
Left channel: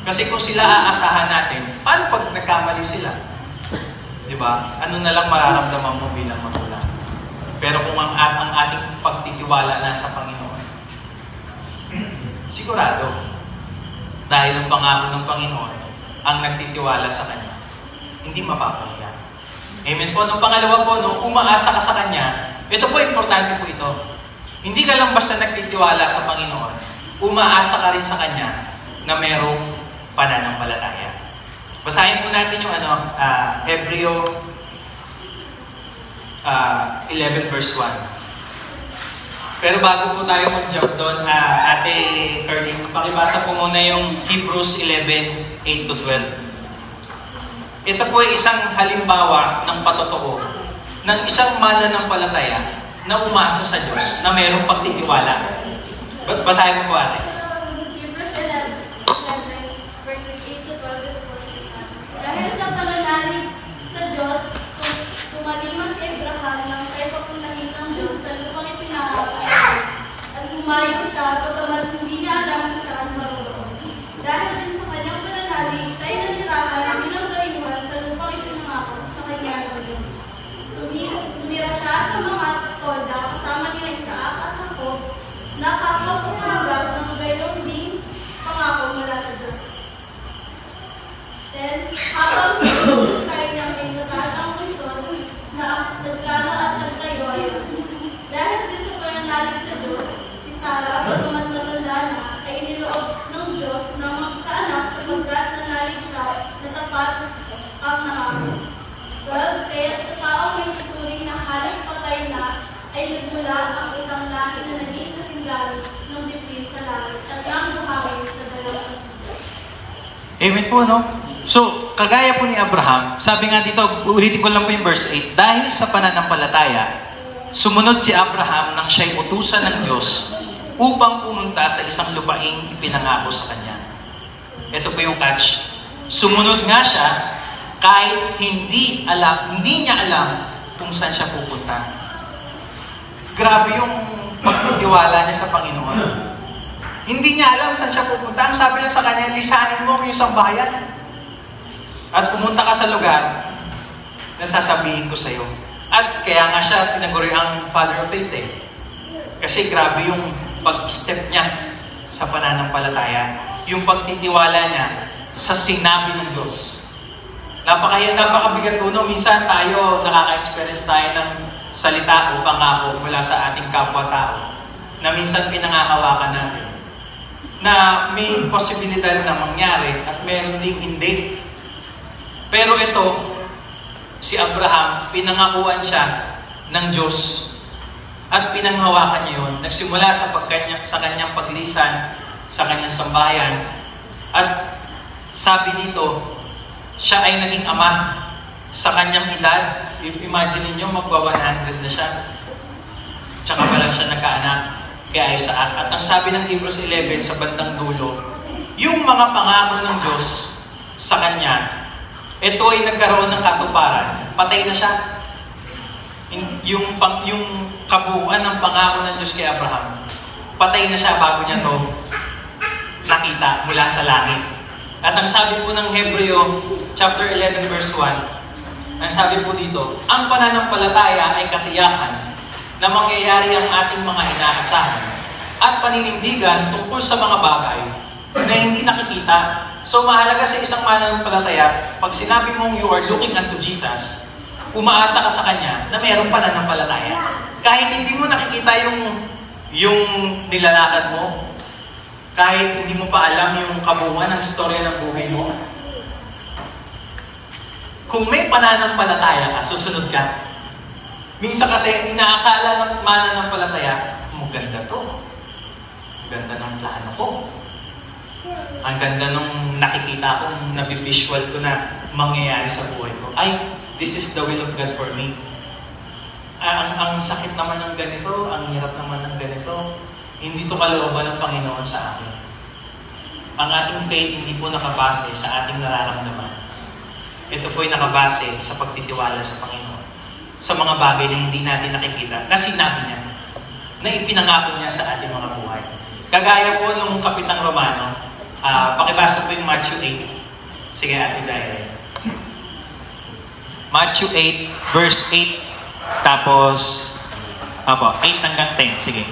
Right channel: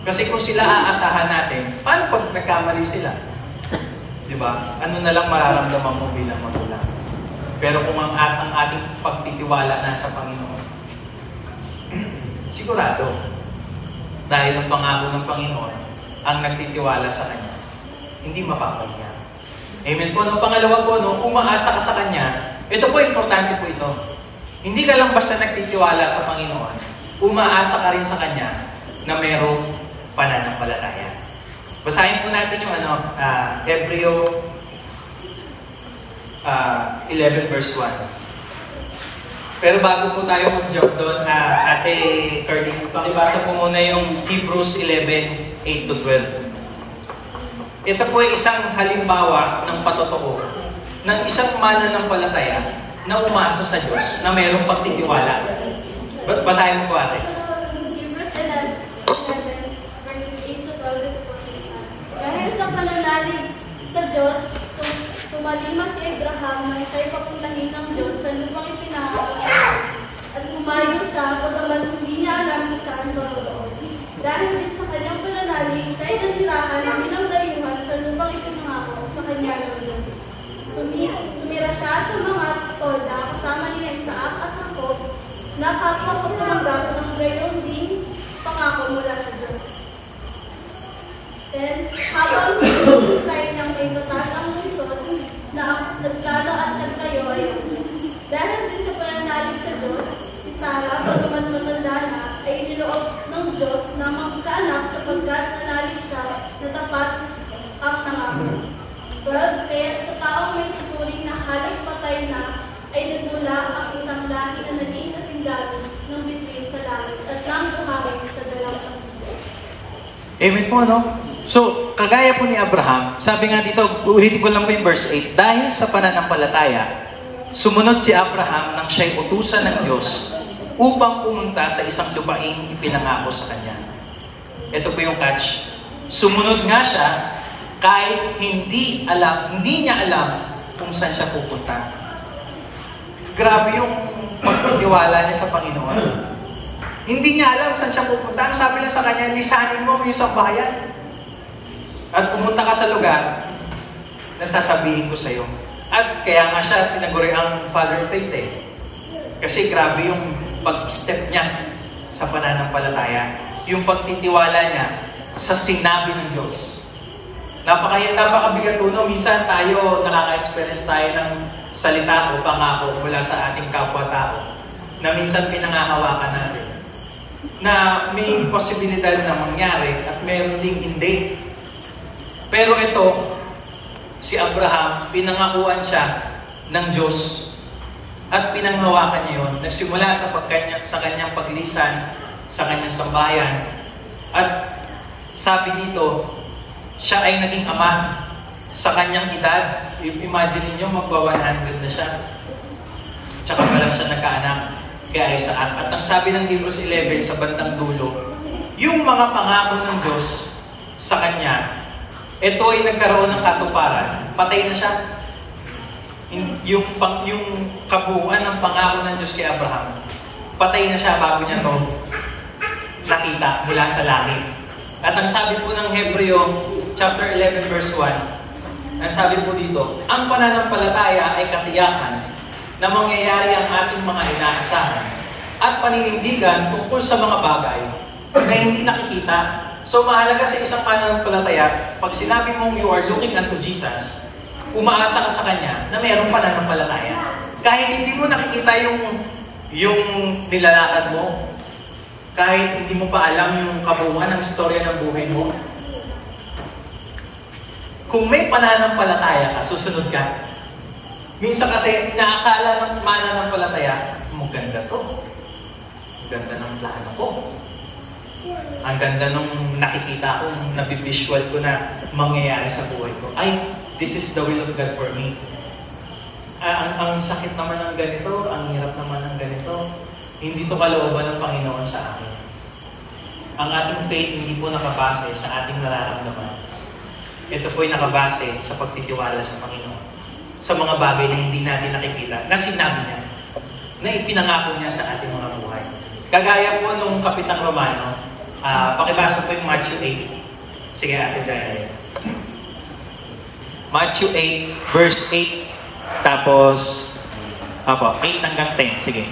Kasi kung sila aasahan natin, paano pag nagkamali sila? Diba? Ano na lang mararamdaman mo bilang magulang? Pero kung ang ating pagtitiwala na sa Panginoon, sigurado, dahil ang pangako ng Panginoon, ang nagtitiwala sa Kanya, hindi mapapahiya. Amen po. No, pangalawa po, no, umaasa ka sa Kanya, ito po, importante po ito. Hindi ka lang basta nagtitiwala sa Panginoon, umaasa ka rin sa Kanya na mayroong pananampalataya. Basahin po natin yung Hebreo 11 verse 1. Pero bago po tayo mag-jump doon, Ate Curly, pakibasa po muna yung Hebrews 11, 8-12. Ito po ay isang halimbawa ng patotoo ng isang mananampalataya na umasa sa Diyos na mayroong pagtitiwala. Basahin mo po, Ate. Hebrews 11, verses 8-12 po. Dahil sa pananalig sa Diyos, tumaliman si Abraham nang kay papuntahin ng Diyos sa lupang ipinangako sa Diyos. At humayo siya pagkaman hindi niya alam kung saan maroon. Dahil din sa kanyang pananalig, siya'y nanirahan bilang dayuhan sa lupang ipinangako sa kanya ng Diyos. Tumira siya sa mga tolda kasama nila Isaac at Jacob na kapwa ko tumanggap ng gayon din pangako mula sa Diyos. Then, habang tayo ng may matatang lungsod na nagkala at nagtayo ay dahil din sa pananalig sa Diyos, si Sarah, pagkaman matanda na, ay iniloob ng Diyos na magkaanak sapagkat nanalig siya na tapat ang nangako. 12. Kaya sa taong may tuturing na halos patay na, ay nagmula ang isang lahi na naging sundalo ng bituin sa langit at ng buhangin sa dalang pasilya. Amen po, no? So, kagaya po ni Abraham, sabi nga dito, ulitin ko lang po yung verse 8, dahil sa pananampalataya, sumunod si Abraham nang siya'y utusan ng Diyos upang pumunta sa isang lupaing ipinangako sa kanya. Ito po yung catch. Sumunod nga siya kahit hindi niya alam kung saan siya pupunta. Grabe yung pagtitiwala niya sa Panginoon. Hindi niya alam saan siya pupunta. Ang sabi lang sa kanya, lisanin mo yung isang bayan. At pumunta ka sa lugar na sasabihin ko sa iyo. At kaya nga siya tinaguri ang Father of Faith eh. Kasi grabe yung pag-step niya sa pananampalataya. Yung pagtitiwala niya sa sinabi ng Diyos. Napakabigat no? Minsan tayo, nakaka-experience tayo ng salita o pangako mula sa ating kapwa-tao na minsan pinangahawakan natin. Na may posibilidad na mangyari at meron ding hindi. Pero ito, si Abraham, pinangakuan siya ng Diyos at pinanghawakan niya yun. Nagsimula sa kanyang paglisan, sa kanyang sambayan. At sabi dito, siya ay naging ama sa kanyang edad. Imagine niyo magwa-100 na siya. Tsaka pa lang siya nagkaanak kay Isaac. At ang sabi ng Hebrews 11 sa bandang dulo, yung mga pangako ng Diyos sa kanya, ito ay nagkaroon ng katuparan. Patay na siya. Yung kabuuan ng pangako ng Diyos kay Abraham, patay na siya bago niya to nakita mula sa langit. At ang sabi po ng Hebreo, chapter 11, verse 1, ang sabi po dito, ang pananampalataya ay katiyakan na mangyayari ang ating mga inaasahan at paninindigan tungkol sa mga bagay na hindi nakikita. So mahalaga sa isang pananampalataya, pag sinabi mong you are looking unto Jesus, umaasa ka sa Kanya na mayroong pananampalataya. Kahit hindi mo nakikita yung nilalakad mo, kahit hindi mo pa alam yung kabuuan ng istorya ng buhay mo, kung may pananampalataya ka, susunod ka. Minsan kasi inaakala ng mananampalataya, maganda to. Maganda ng plano ko. Ang ganda nung nakikita ko, nabivisual ko na mangyayari sa buhay ko. Ay, this is the will of God for me. Ang sakit naman ng ganito, ang hirap naman ng ganito, hindi to kalooban ng Panginoon sa akin. Ang ating faith hindi po nakabase sa ating nararamdaman. Ito po ay nakabase sa pagtitiwala sa Panginoon. Sa mga bagay na hindi natin nakikita, na sinabi niya, na ipinangako niya sa ating mga buhay. Kagaya po nung Kapitang Romano, pakibasa po yung Matthew 8. Sige, Ate Jaya. Matthew 8, verse 8, tapos, 8 hanggang 10. Sige.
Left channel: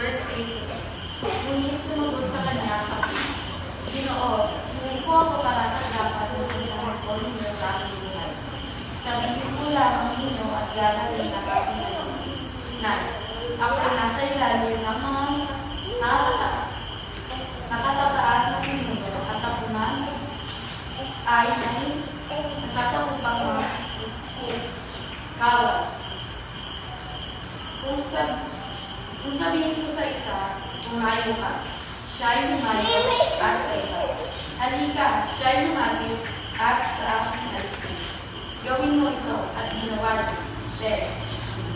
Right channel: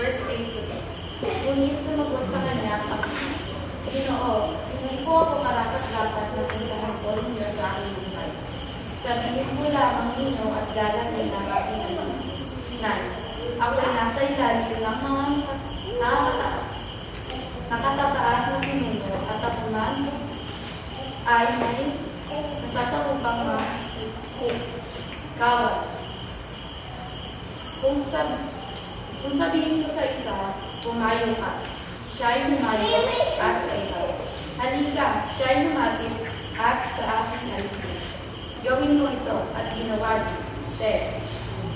Verse 8. Ngunit sumagot sa kanya, Ginoo, hindi po ako karapat-dapat na puntahan ko ninyo sa aking buhay. Sabihin mo lamang ninyo at gagawin ang aking Nay. Ako ay nasa ilalim ng mga nakatataas na pinuno at tapunan ay may nasasakupang mga kawas. Kung sabihin ko sa isa, pumayo ka, siya'y lumayo at sa iba. Halika, siya'y lumapit at sa aking nalipid. Gawin mo ito at ginawa niya.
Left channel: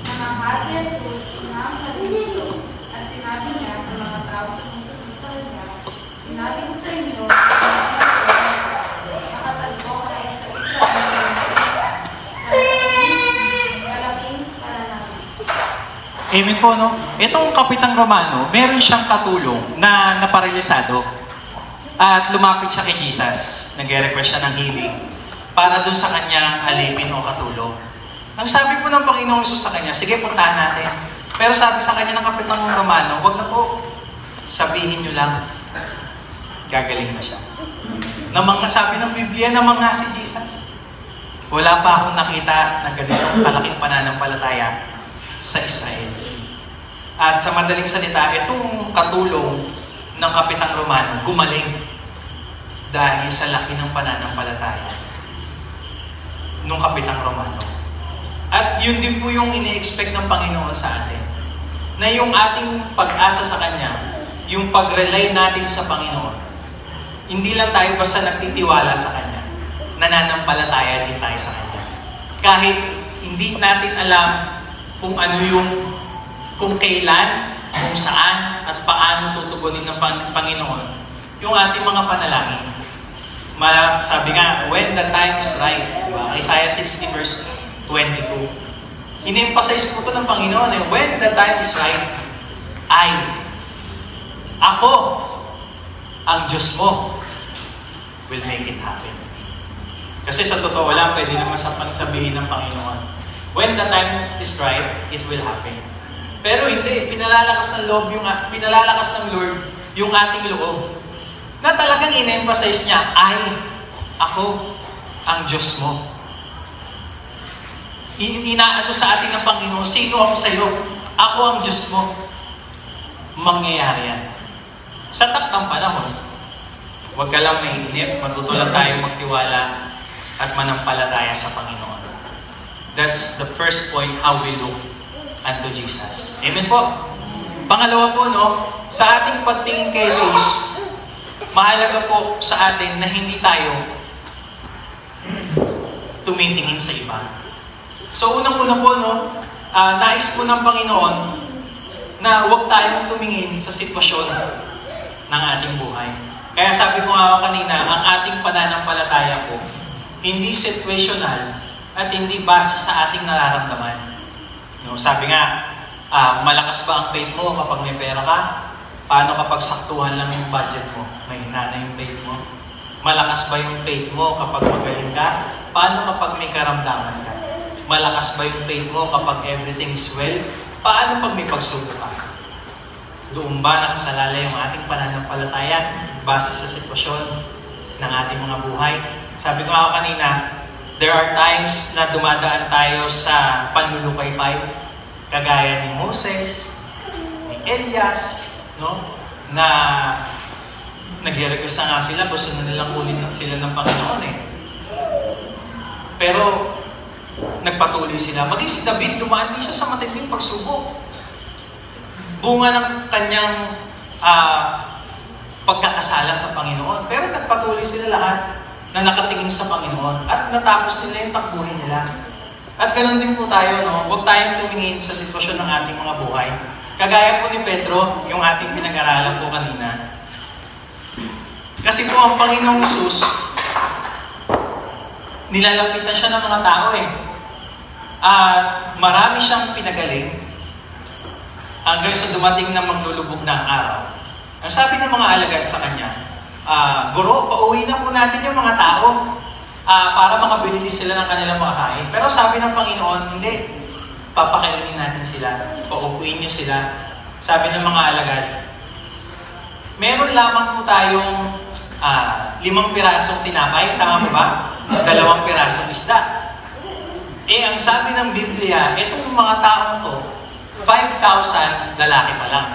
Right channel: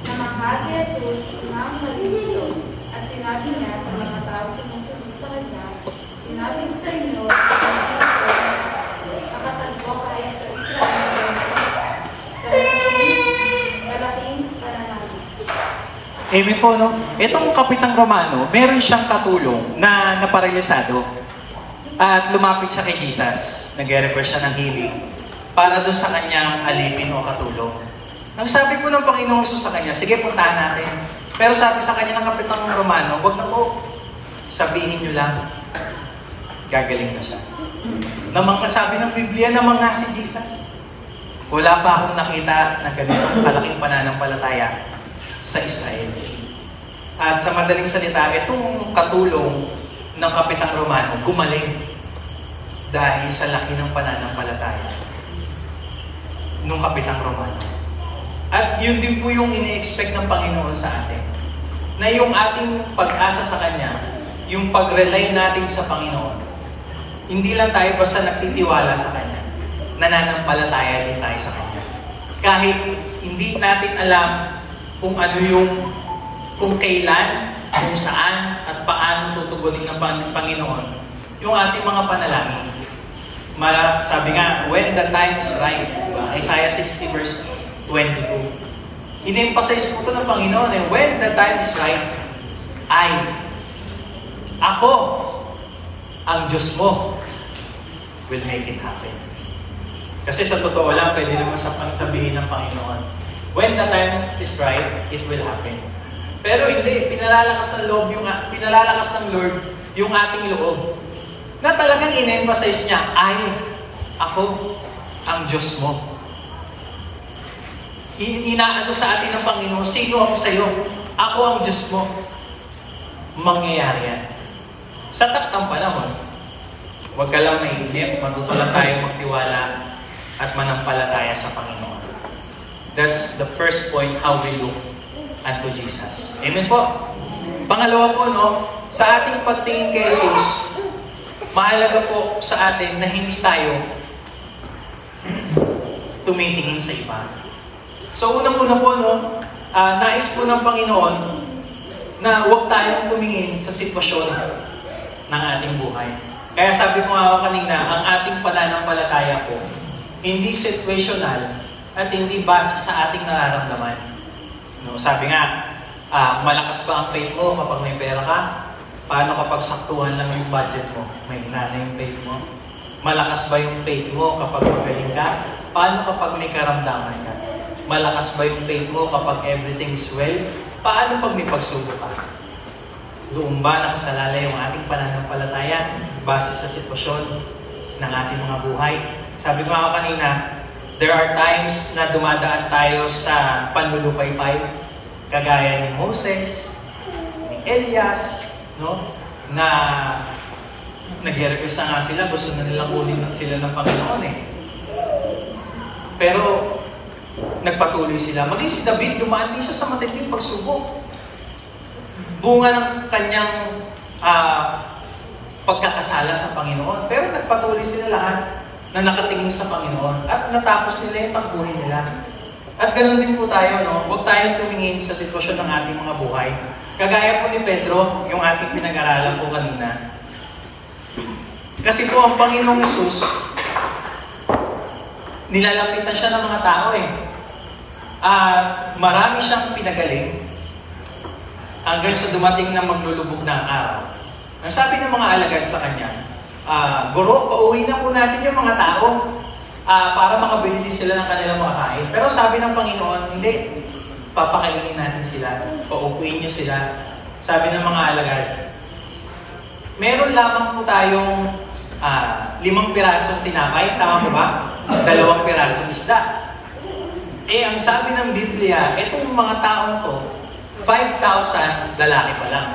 Namangha si Jesus ng malilito at sinabi niya sa mga tao sumusunod sa kanya, sinabi ko sa inyo, nakatagpo kayo sa Israel kalaking pananangin. Amen po, no? Itong Kapitang Romano, meron siyang katulong na naparalisado. At lumapit siya kay Jesus. Nag-request siya ng healing para dun sa kanyang alipin o katulong. Ang sabi po ng Panginoong Hesus sa kanya, sige, puntahan natin. Pero sabi sa kanya ng Kapitang Romano, huwag na po, sabihin nyo lang. gagaling na siya. Sabi ng Biblia, namanga si Jesus. Wala pa akong nakita na ganitong kalaking pananampalataya sa Israel. At sa madaling salita, itong katulong ng Kapitang Romano gumaling dahil sa laki ng pananampalataya ng Kapitang Romano. At yun din po yung ini-expect ng Panginoon sa atin. Na yung ating pag-asa sa Kanya, yung pag-rely natin sa Panginoon, hindi lang tayo basta nagtitiwala sa Kanya, nananampalataya din tayo sa Kanya. Kahit hindi natin alam kung ano kung kailan, kung saan, at paano tutugunin ng Panginoon yung ating mga panalangin. Sabi nga, when the time is right, diba? Isaiah 60 verse 22. In-emphasize po ito ng Panginoon, when the time is right, ako, ang Diyos mo, will make it happen. Kasi sa totoo lang, pwede naman sa pagsabihin ng Panginoon, when the time is right, it will happen. Pero hindi, pinalalakas ng Lord yung ating loob. Na talagang in-emphasize niya, ako, ang Diyos mo. Inaano sa atin ng Panginoon, sino ako sa iyo? Ako ang Diyos mo. Mangyayari yan. Sa taktang panahon, huwag ka lang mainip, matuto lang tayo magtiwala at manampalataya sa Panginoon. That's the first point, how we look unto Jesus. Amen po. Pangalawa po, sa ating pagtingin kay Jesus, mahalaga po sa atin na hindi tayo tumitingin sa iba. So, unang-una po, nais po ng Panginoon na huwag tayong tumingin sa sitwasyon ng ating buhay. Kaya sabi ko nga kanina, ang ating pananampalataya po, hindi situational at hindi base sa ating nararamdaman. Sabi nga, malakas ba ang faith mo kapag may pera ka? Paano kapag saktuhan lang yung budget mo? May hinana yung faith mo? Malakas ba yung faith mo kapag magaling ka? Paano kapag may karamdaman ka? Malakas ba yung faith mo kapag everything is well? Paano pag may pagsubok ka? Doon ba nakasalalay yung ating pananampalataya base sa sitwasyon ng ating mga buhay? Sabi ko nga kanina, there are times na dumadaan tayo sa panlulupaypay, kagaya ni Moses, ni Elias, na nag-request na nga sila, gusto na nilang kunin sila ng Panginoon Pero nagpatuloy sila. Maging si David, dumaan din siya sa matinding pagsubok. Bunga ng kanyang pagkakasala sa Panginoon. Pero nagpatuloy sila lahat na nakatingin sa Panginoon at natapos nila yung takbuhin nila. At ganoon din po tayo, huwag tayong tumingin sa sitwasyon ng ating mga buhay. Kagaya po ni Pedro, yung ating pinag-aralan po kanina. Kasi po ang Panginoong Hesus, nilalapitan siya ng mga tao At marami siyang pinagaling hanggang sa dumating na maglulubog ng araw. Ang sabi ng mga alagad sa kanya, Guro, pauwi na po natin yung mga tao para makabili din sila ng kanilang makakain. Pero sabi ng Panginoon, hindi. Papakainin natin sila. Paupuin niyo sila. Sabi ng mga alagad, meron lamang po tayong 5 pirasong tinapay. Tama po ba? 2 pirasong isda. Ang sabi ng Biblia, itong mga taong to, 5,000 lalaki pa lang.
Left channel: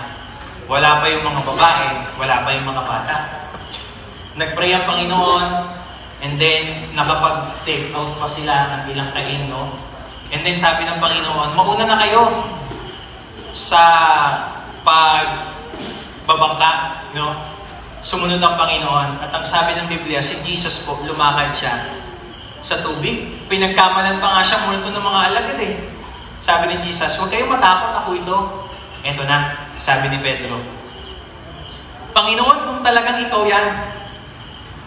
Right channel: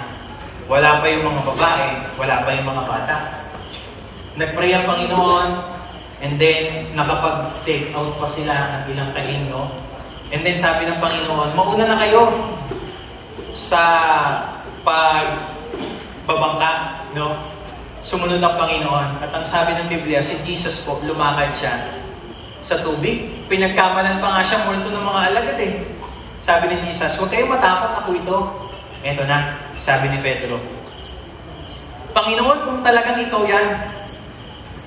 Wala pa yung mga babae, wala pa yung mga bata. Nag-pray ang Panginoon, and then nakapag-take out pa sila ng ilang kain, And then sabi ng Panginoon, mauna na kayo sa pagbabangka, Sumunod ang Panginoon. At ang sabi ng Biblia, si Jesus po, lumakad siya sa tubig. Pinagkamalan pa nga siya, multo ng mga alagad Sabi ni Jesus, huwag kayong matakot, ako ito. Eto na, sabi ni Pedro. Panginoon, kung talagang ikaw yan,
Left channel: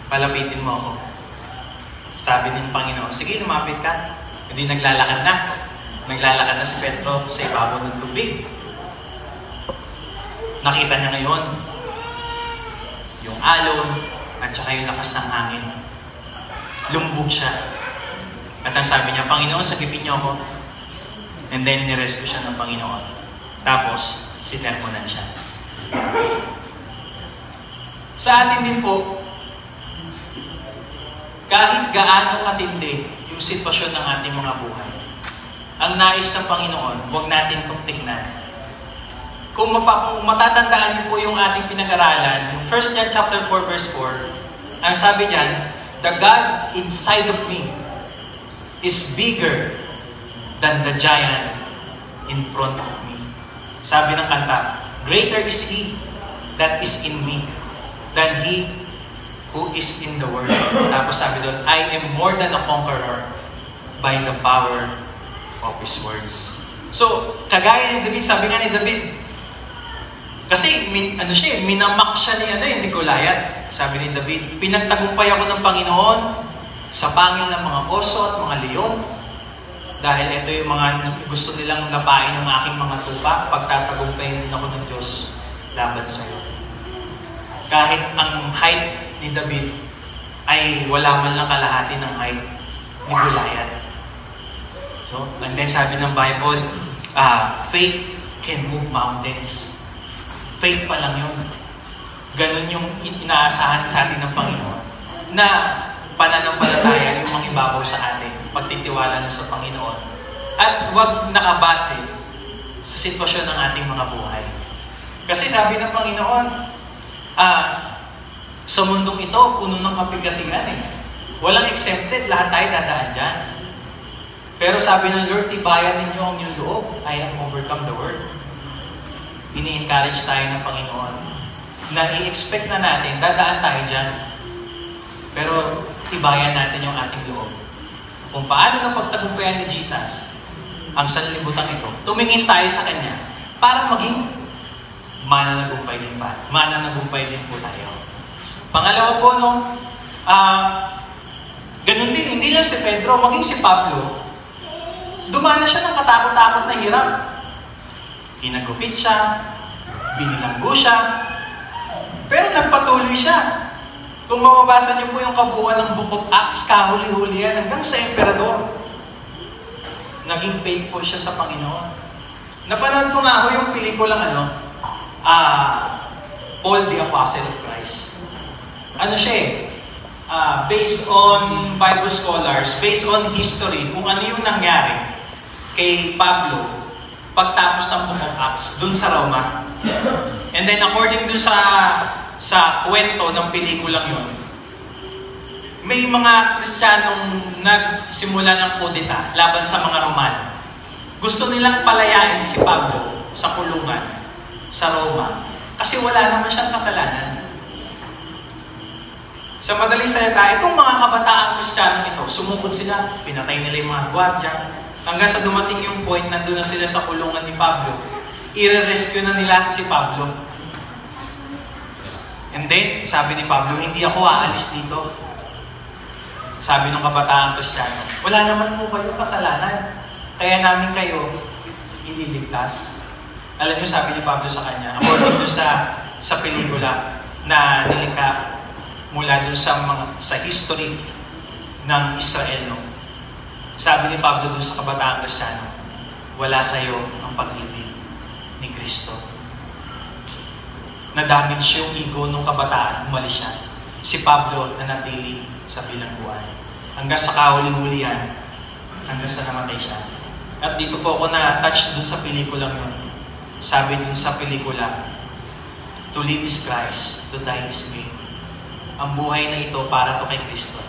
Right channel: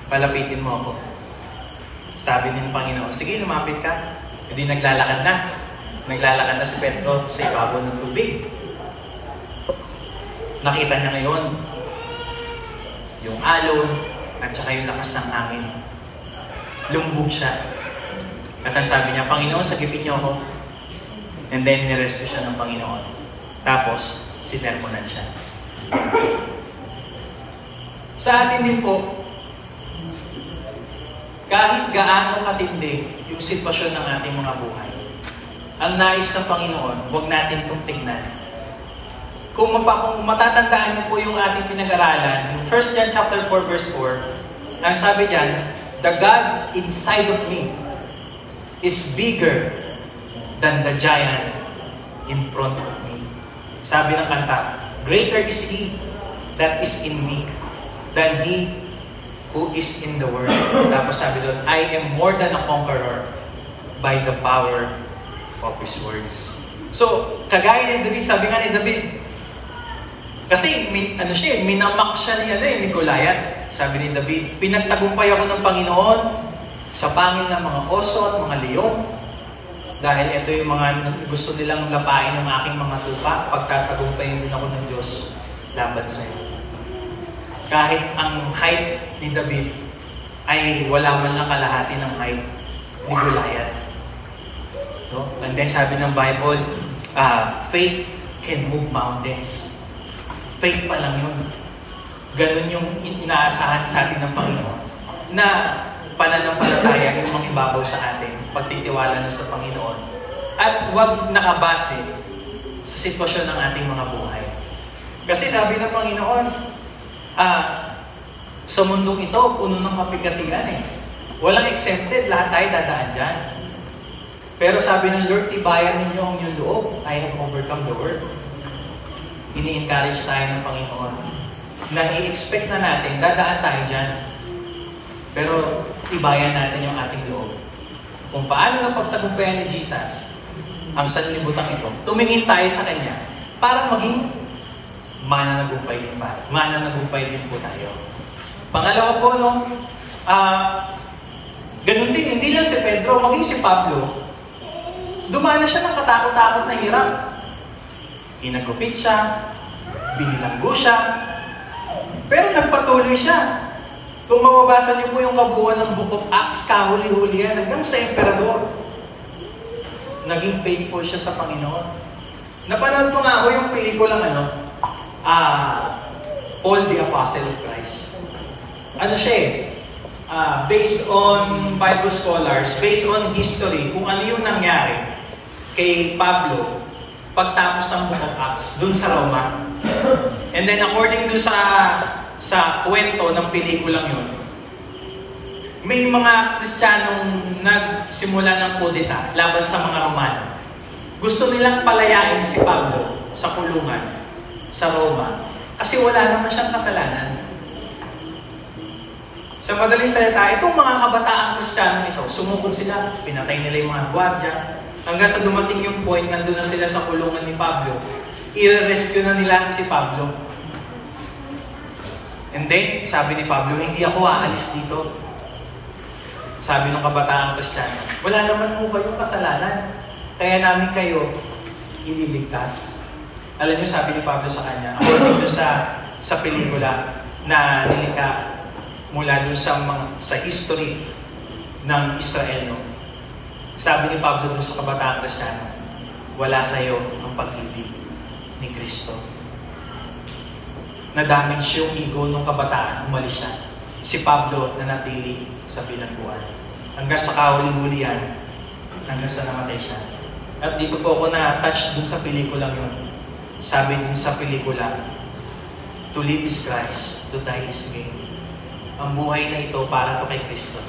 palapitin mo ako. Sabi ng Panginoon, sige, lumapit ka. Hindi naglalakad na. Naglalakad na si Pedro sa ibabaw ng tubig. Nakita niya ngayon yung alon at saka yung lakas ng hangin. Lumbog siya. At ang sabi niya, Panginoon, sagipin niyo ako. And then, niresto siya ng Panginoon. Tapos, sinermonan siya. Sa atin din po, kahit gaano katindi yung sitwasyon ng ating mga buhay, ang nais ng Panginoon, huwag natin itong tignan. Kung matatandaan niyo po yung ating pinag-aralan, yung 1 John chapter 4 verse 4, ang sabi diyan, the God inside of me is bigger than the giant in front of me. Sabi ng kanta, greater is He that is in me than he who is in the world. Tapos sabi doon, I am more than a conqueror by the power of His words. So, kagaya ni David, sabi nga ni David, kasi minamak siya ni Goliath. Sabi ni David, pinagtagumpay ako ng Panginoon sa pangil ng mga oso at mga leon. Dahil ito yung mga gusto nilang lapain ng aking mga tupa, pagtatagumpayin din ako ng Diyos laban sa iyo. Kahit ang height ni David ay wala man lang kalahati ng height ni Goliath. So, and then sabi ng Bible, faith can move mountains. Faith pa lang yun. Ganon yung inaasahan sa atin ng Panginoon na pananampalataya yung mangibabaw sa atin, pagtitiwala na sa Panginoon. At huwag nakabase sa sitwasyon ng ating mga buhay. Kasi sabi ng Panginoon, sa mundong ito, puno ng kapigatian eh. Walang exempted, lahat tayo dadaan dyan. Pero sabi ng Lord, tibayan ninyo ang inyong loob. I have overcome the world. Ini-encourage tayo ng Panginoon na i-expect na natin, dadaan tayo dyan. Pero tibayan natin yung ating loob. Kung paano na pagtagumpayan ni Jesus ang sanlibutan ito, tumingin tayo sa Kanya para maging mananagumpay din po tayo. Pangalawa po, ganun din, hindi lang si Pedro, maging si Pablo, dumana siya ng katakot-takot na hirap. Kinagupit siya, binilanggo siya, pero nagpatuloy siya. Kung mababasa niyo po yung kabuuan ng Book of Acts, kahuli-huli yan, hanggang sa emperador. Naging faithful siya sa Panginoon. Napanood ko nga ako yung pelikulang Paul the Apostle of Christ. Ano siya based on Bible scholars, based on history, kung ano yung nangyari kay Pablo pagtapos ng Book of Acts, dun sa Roma. And then according dun sa kwento ng pelikulang yun, may mga Kristiyanong nagsimula ng kudeta laban sa mga Romano. Gusto nilang palayain si Pablo sa kulungan sa Roma kasi wala naman siyang kasalanan. Sa madaling salita, itong mga kabataang Kristiyanong ito, sumukod sila, pinatay nila yung mga gwardiya, hanggang sa dumating yung point, nandun na sila sa kulungan ni Pablo, i-rescue na nila si Pablo. And then, sabi ni Pablo, hindi ako aalis dito. Sabi ng kabataang Kristiyano, wala naman po kayong kasalanan, kaya namin kayo ililigtas. Alam niyo, sabi ni Pablo sa kanya, according to sa pelikula na nilikha mula dun sa history ng Israel, sabi ni Pablo dun sa kabataang Kristiyano, wala sa iyo ang pag-ibig ni Kristo. Na-damage yung ego ng kabataan, umalis siya. Si Pablo nanatili sa bilangguan. Hanggang sa kahuli-hulihan, hanggang sa namatay siya. At dito po ako na-touch dun sa pelikulang yun. Sabi dun sa pelikula, to live is Christ, to die is gain. Ang buhay na ito para to kay Kristo.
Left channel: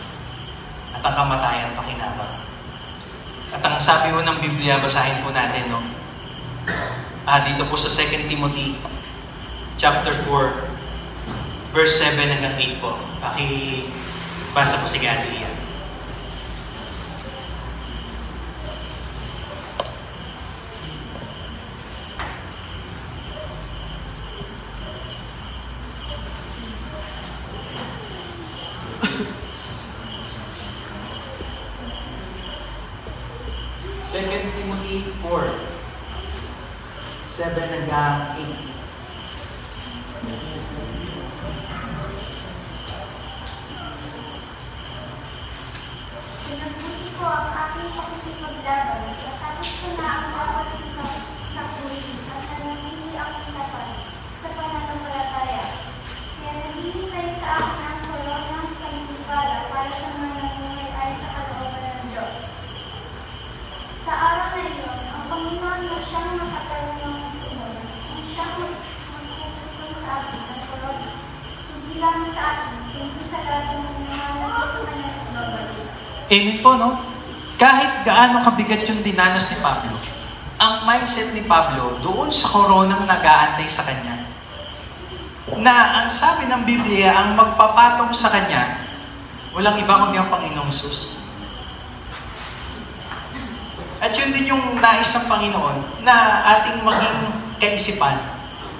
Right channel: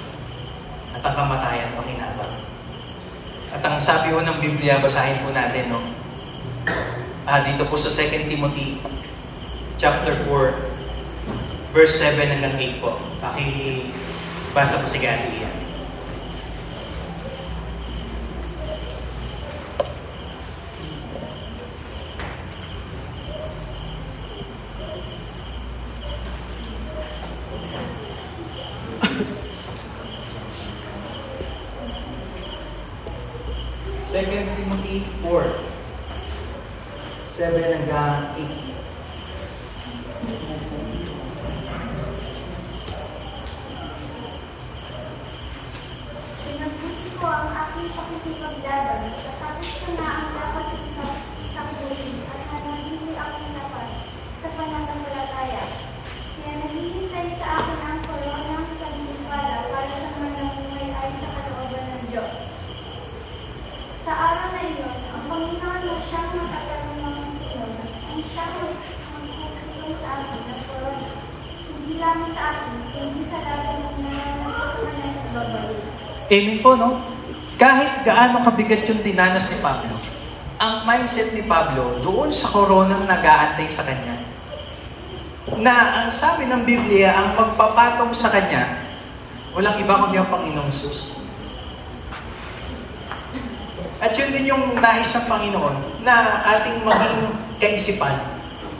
At ang kamatayan pakinabang. At ang sabi ho ng Biblia, basahin po natin, dito po sa 2 Timothy chapter 4, verse 7 hanggang 8 po. Pakibasa po sa Galilea. Timothy 4, 7 hanggang 8. Pinagbuti ko ang aking pakikipaglaban, natapos ko na ang dapat kong takbuhin at nananili akong lapat sa pananampalataya. Kaya naghihintay sa akin ang koronang pagpapala para sa mga namuhay ayon sa kalooban ng Diyos. Sa araw na iyon, ang Panginoon na siyang nakatalang ng Panginoon, ang siyang magtutulong sa atin at korona. Hindi lang sa atin, kundi sa lahat ng nananalig sa kanyang pagbabalik. Amen po, no? Kahit gaano kabigat yung dinanas ni Pablo, ang mindset ni Pablo doon sa koronang nag-aantay sa kanya, na ang sabi ng Biblia, ang magpapatong sa kanya, walang iba kundi ang Panginoong Hesus. At yun din yung nais ng Panginoon, na ating maging kaisipan,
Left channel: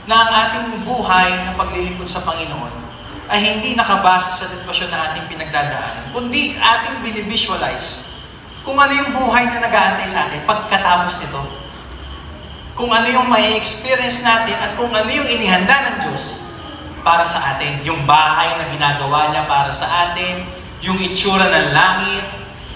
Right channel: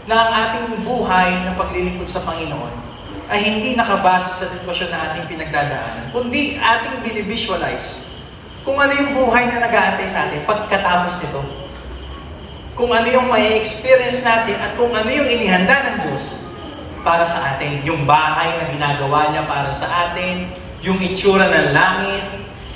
na ang ating buhay na paglilingkod sa Panginoon ay hindi nakabase sa sitwasyon na ating pinagdadaanan, kundi ating binivisualize kung ano yung buhay na nag-aantay sa atin pagkatapos nito. Kung ano yung may experience natin at kung ano yung inihanda ng Diyos para sa atin. Yung bahay na ginagawa niya para sa atin, yung itsura ng langit,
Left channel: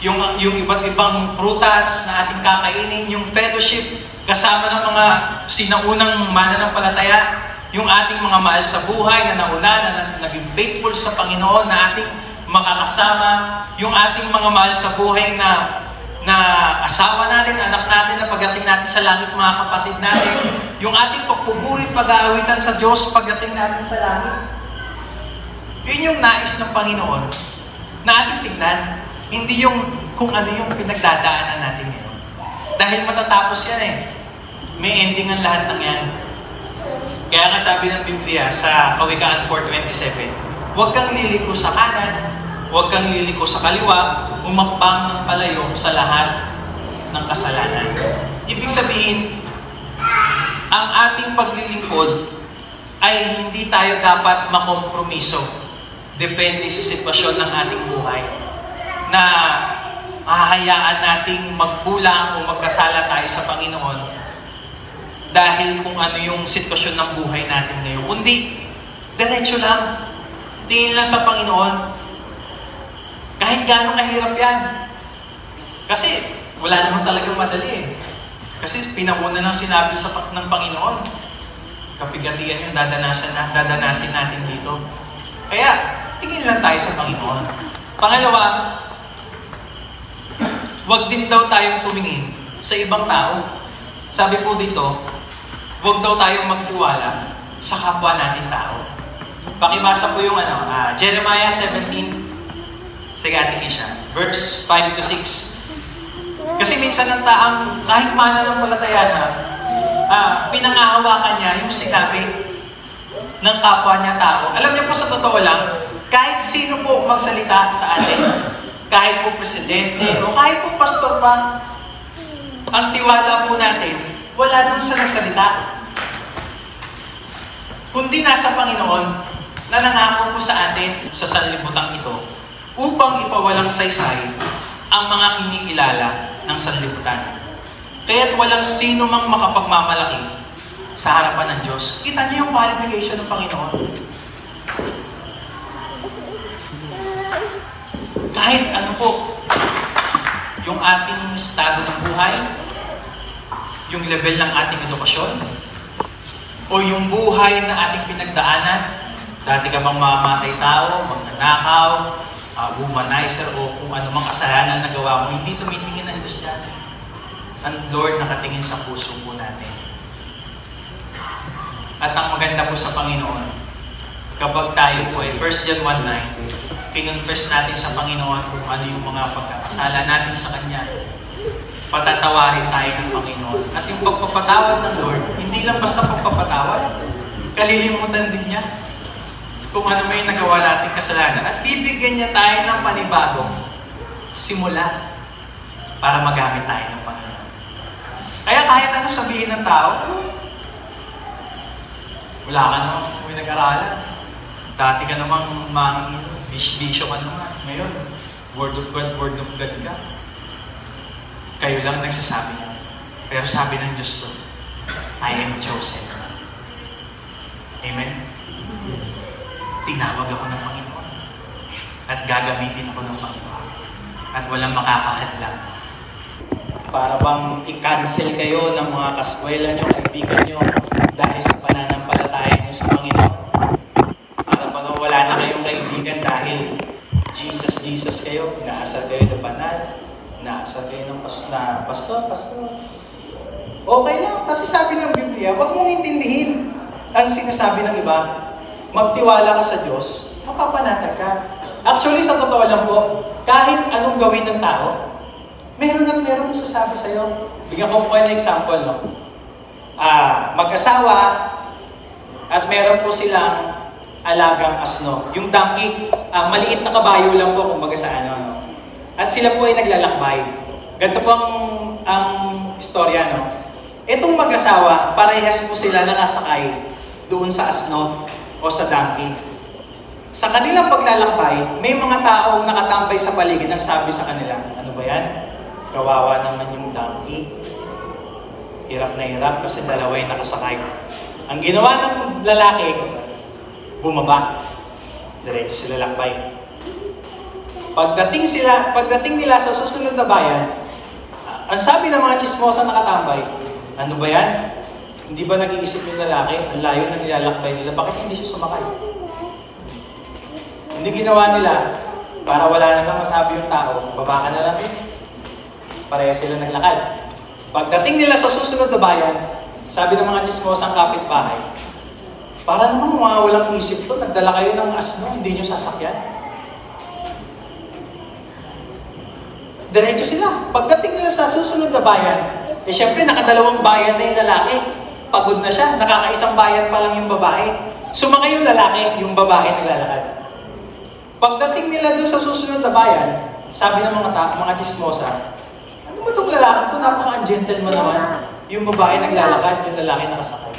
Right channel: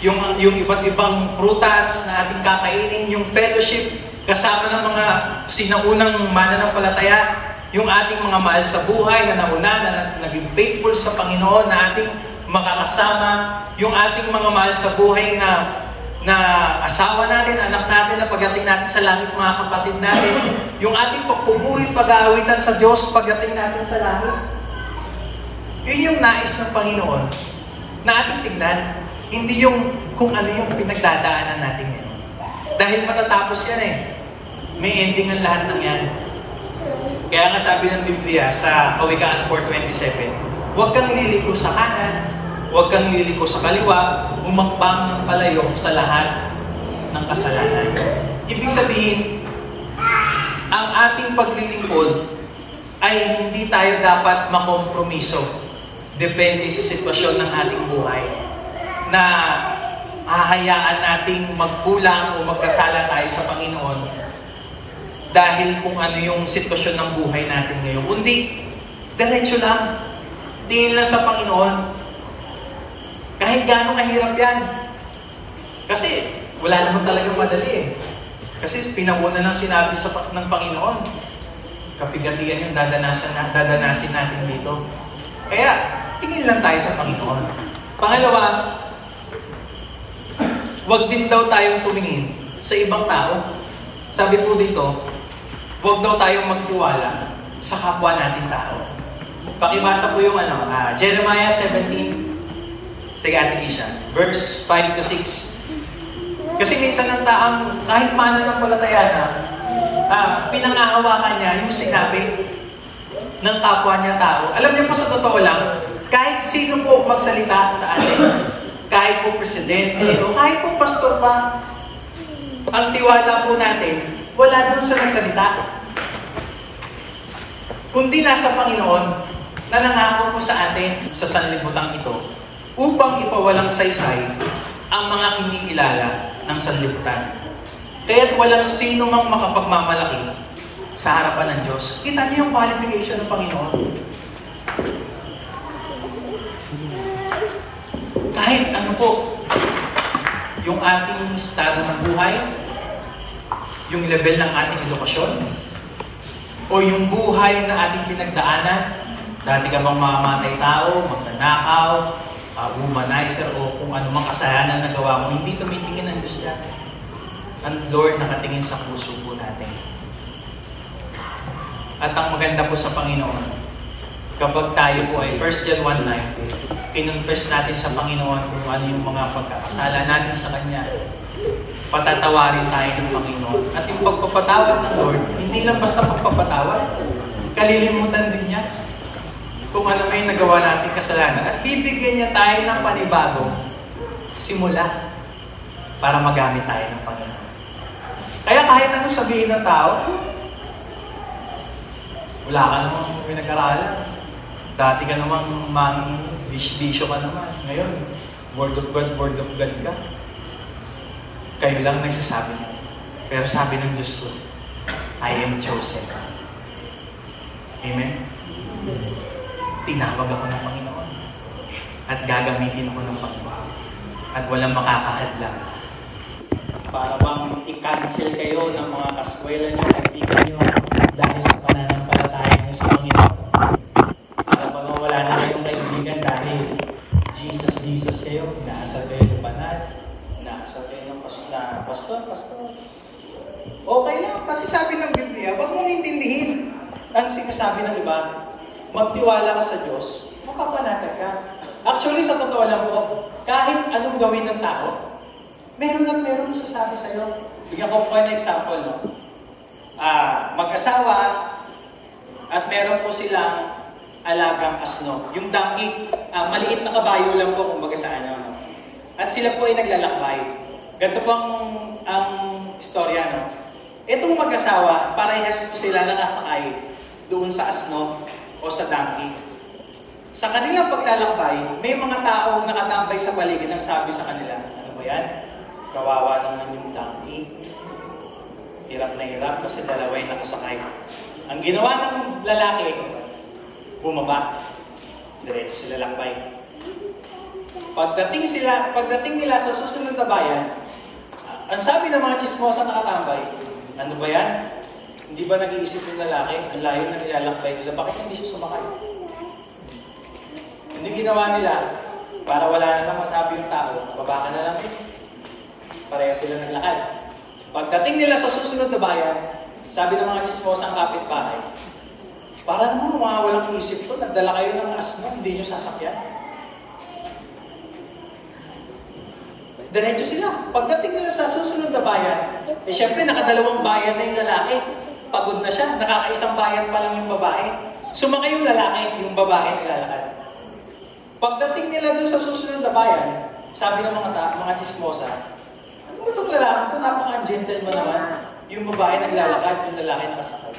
yung iba't ibang prutas na ating kakainin, yung fellowship kasama ng mga sinaunang mananampalataya, yung ating mga mahal sa buhay na nauna, na naging faithful sa Panginoon, na ating makakasama, yung ating mga mahal sa buhay na asawa natin, anak natin, na pagdating natin sa langit, mga kapatid natin, yung ating pagpupuri, pag-aawitan sa Diyos pagdating natin sa langit. Yun yung nais ng Panginoon na ating tignan, hindi yung kung ano yung pinagdadaanan natin ngayon. Dahil matatapos yan eh. May ending ang lahat ng yan. Kaya nga sabi ng Biblia sa Kawikaan 4:27, huwag kang liliko sa kanan, huwag kang liliko sa kaliwa, umakbang ng palayo sa lahat ng kasalanan. Ibig sabihin, ang ating paglilingkod ay hindi tayo dapat makompromiso. Depende sa sitwasyon ng ating buhay. Na hahayaan nating magkulang o magkasala tayo sa Panginoon dahil kung ano yung sitwasyon ng buhay natin ngayon. Kundi, diretso lang. Tingin lang sa Panginoon. Kahit gaano kahirap yan. Kasi wala naman talagang madali eh. Kasi pinamuna ng sinabi ng Panginoon. Kapigatian yung dadanasin natin dito. Kaya, tingin lang tayo sa Panginoon. Pangalawa, huwag din daw tayong tumingin sa ibang tao. Sabi po dito, huwag daw tayong magtiwala sa kapwa natin tao. Pakibasa po yung Jeremiah 17, sige, Ate Kisha, verse 5-6. Kasi minsan ang taang, kahit mananampalataya na, pinangahawakan niya yung sinabi ng kapwa niya tao. Alam niyo po, sa totoo lang, kahit sino po magsalita sa atin, kahit po presidente, o kahit po pastor pa, ang tiwala po natin, wala dun sa nagsalita. Kundi nasa Panginoon na nangako po sa atin sa sanlibutan ito upang ipawalang saysay ang mga kinikilala ng sanlibutan. Kaya't walang sino mang makapagmamalaki sa harapan ng Diyos. Kita niyo yung qualification ng Panginoon. Kahit ano po, yung ating estado ng buhay, yung level ng ating edukasyon, o yung buhay na ating pinagdaanan, dati ka bang mamatay tao, magnanakaw, womanizer, o kung ano mang kasalanan na gawa mo, hindi tumitingin ang Diyos dyan. Ang Lord nakatingin sa puso po natin. At ang maganda po sa Panginoon, kapag tayo po ay 1 John 1:9, kinonfess natin sa Panginoon kung ano yung mga pagkakasala natin sa Kanya, patatawarin tayo ng Panginoon. At yung pagpapatawad ng Lord, hindi lang basta pagpapatawad, kalilimutan din niya kung ano may nagawa natin kasalanan. At bibigyan niya tayo ng panibagong simula para magamit tayo ng Panginoon. Kaya kahit ano sabihin ng tao, wala ka namang pinag-aralan. Dati ka namang bisyo ka naman. Ngayon, word of God ka. Kayo lang nagsasabi niya. Pero sabi ng Diyos ko, I am chosen. Amen? Tinawag ako ng Panginoon. At gagamitin ako ng Panginoon. At walang makakahadlang. Para bang i-cancel kayo ng mga kaskwela niyo, kaibigan niyo, dahil sa pananampalataya niyo sa Panginoon. Para bang wala na kayong sabi ng pastor. Okay lang, kasi sabi ng Biblia, huwag mong intindihin ang sinasabi ng iba. Magtiwala ka sa Diyos, mapapanatag ka. Actually, sa totoo lang po, kahit anong gawin ng tao, meron at meron sasabi sa'yo. Bigyan ko po kayo ng example, no? Mag-asawa, at meron po silang alagang asno. Yung donkey, maliit na kabayo lang po kumbaga sa ano. At sila po ay naglalakbay. Ganito po ang istorya, no? Itong mag-asawa, parehas po sila nakasakay doon sa asno o sa donkey. Sa kanilang paglalakbay, may mga taong nakatambay sa paligid ang sabi sa kanila, ano ba yan? Kawawa naman yung donkey. Hirap na hirap kasi dalaway nakasakay. Ang ginawa ng lalaki, bumaba. Diretso sila lakbay. Pagdating nila sa susunod na bayan, ang sabi ng mga chismosa nakatambay, ano ba yan? Hindi ba nag-iisip yung lalaki? Ang layo na nilalakbay nila. Bakit hindi siya sumakay? Hindi ginawa nila para wala na kang masabi yung tao. Baba ka na lang eh. Pareha sila naglakad. Pagdating nila sa susunod na bayan, sabi ng mga chismosang kapitbahay, para naman mga walang isip to, nagdala kayo ng asno, hindi nyo sasakyan. Diretso sila. Pagdating nila sa susunod na bayan, syempre nakadalawang bayan na yung lalaki. Pagod na siya, nakakaisang bayan pa lang yung babae. Sumakay yung lalaki, yung babae naglalakad. Pagdating nila dun sa susunod na bayan, sabi ng mga chismosa, ano ba itong lalaki ito? Napaka-gentleman naman. Yung babae naglalakad, yung lalaki nakasakay.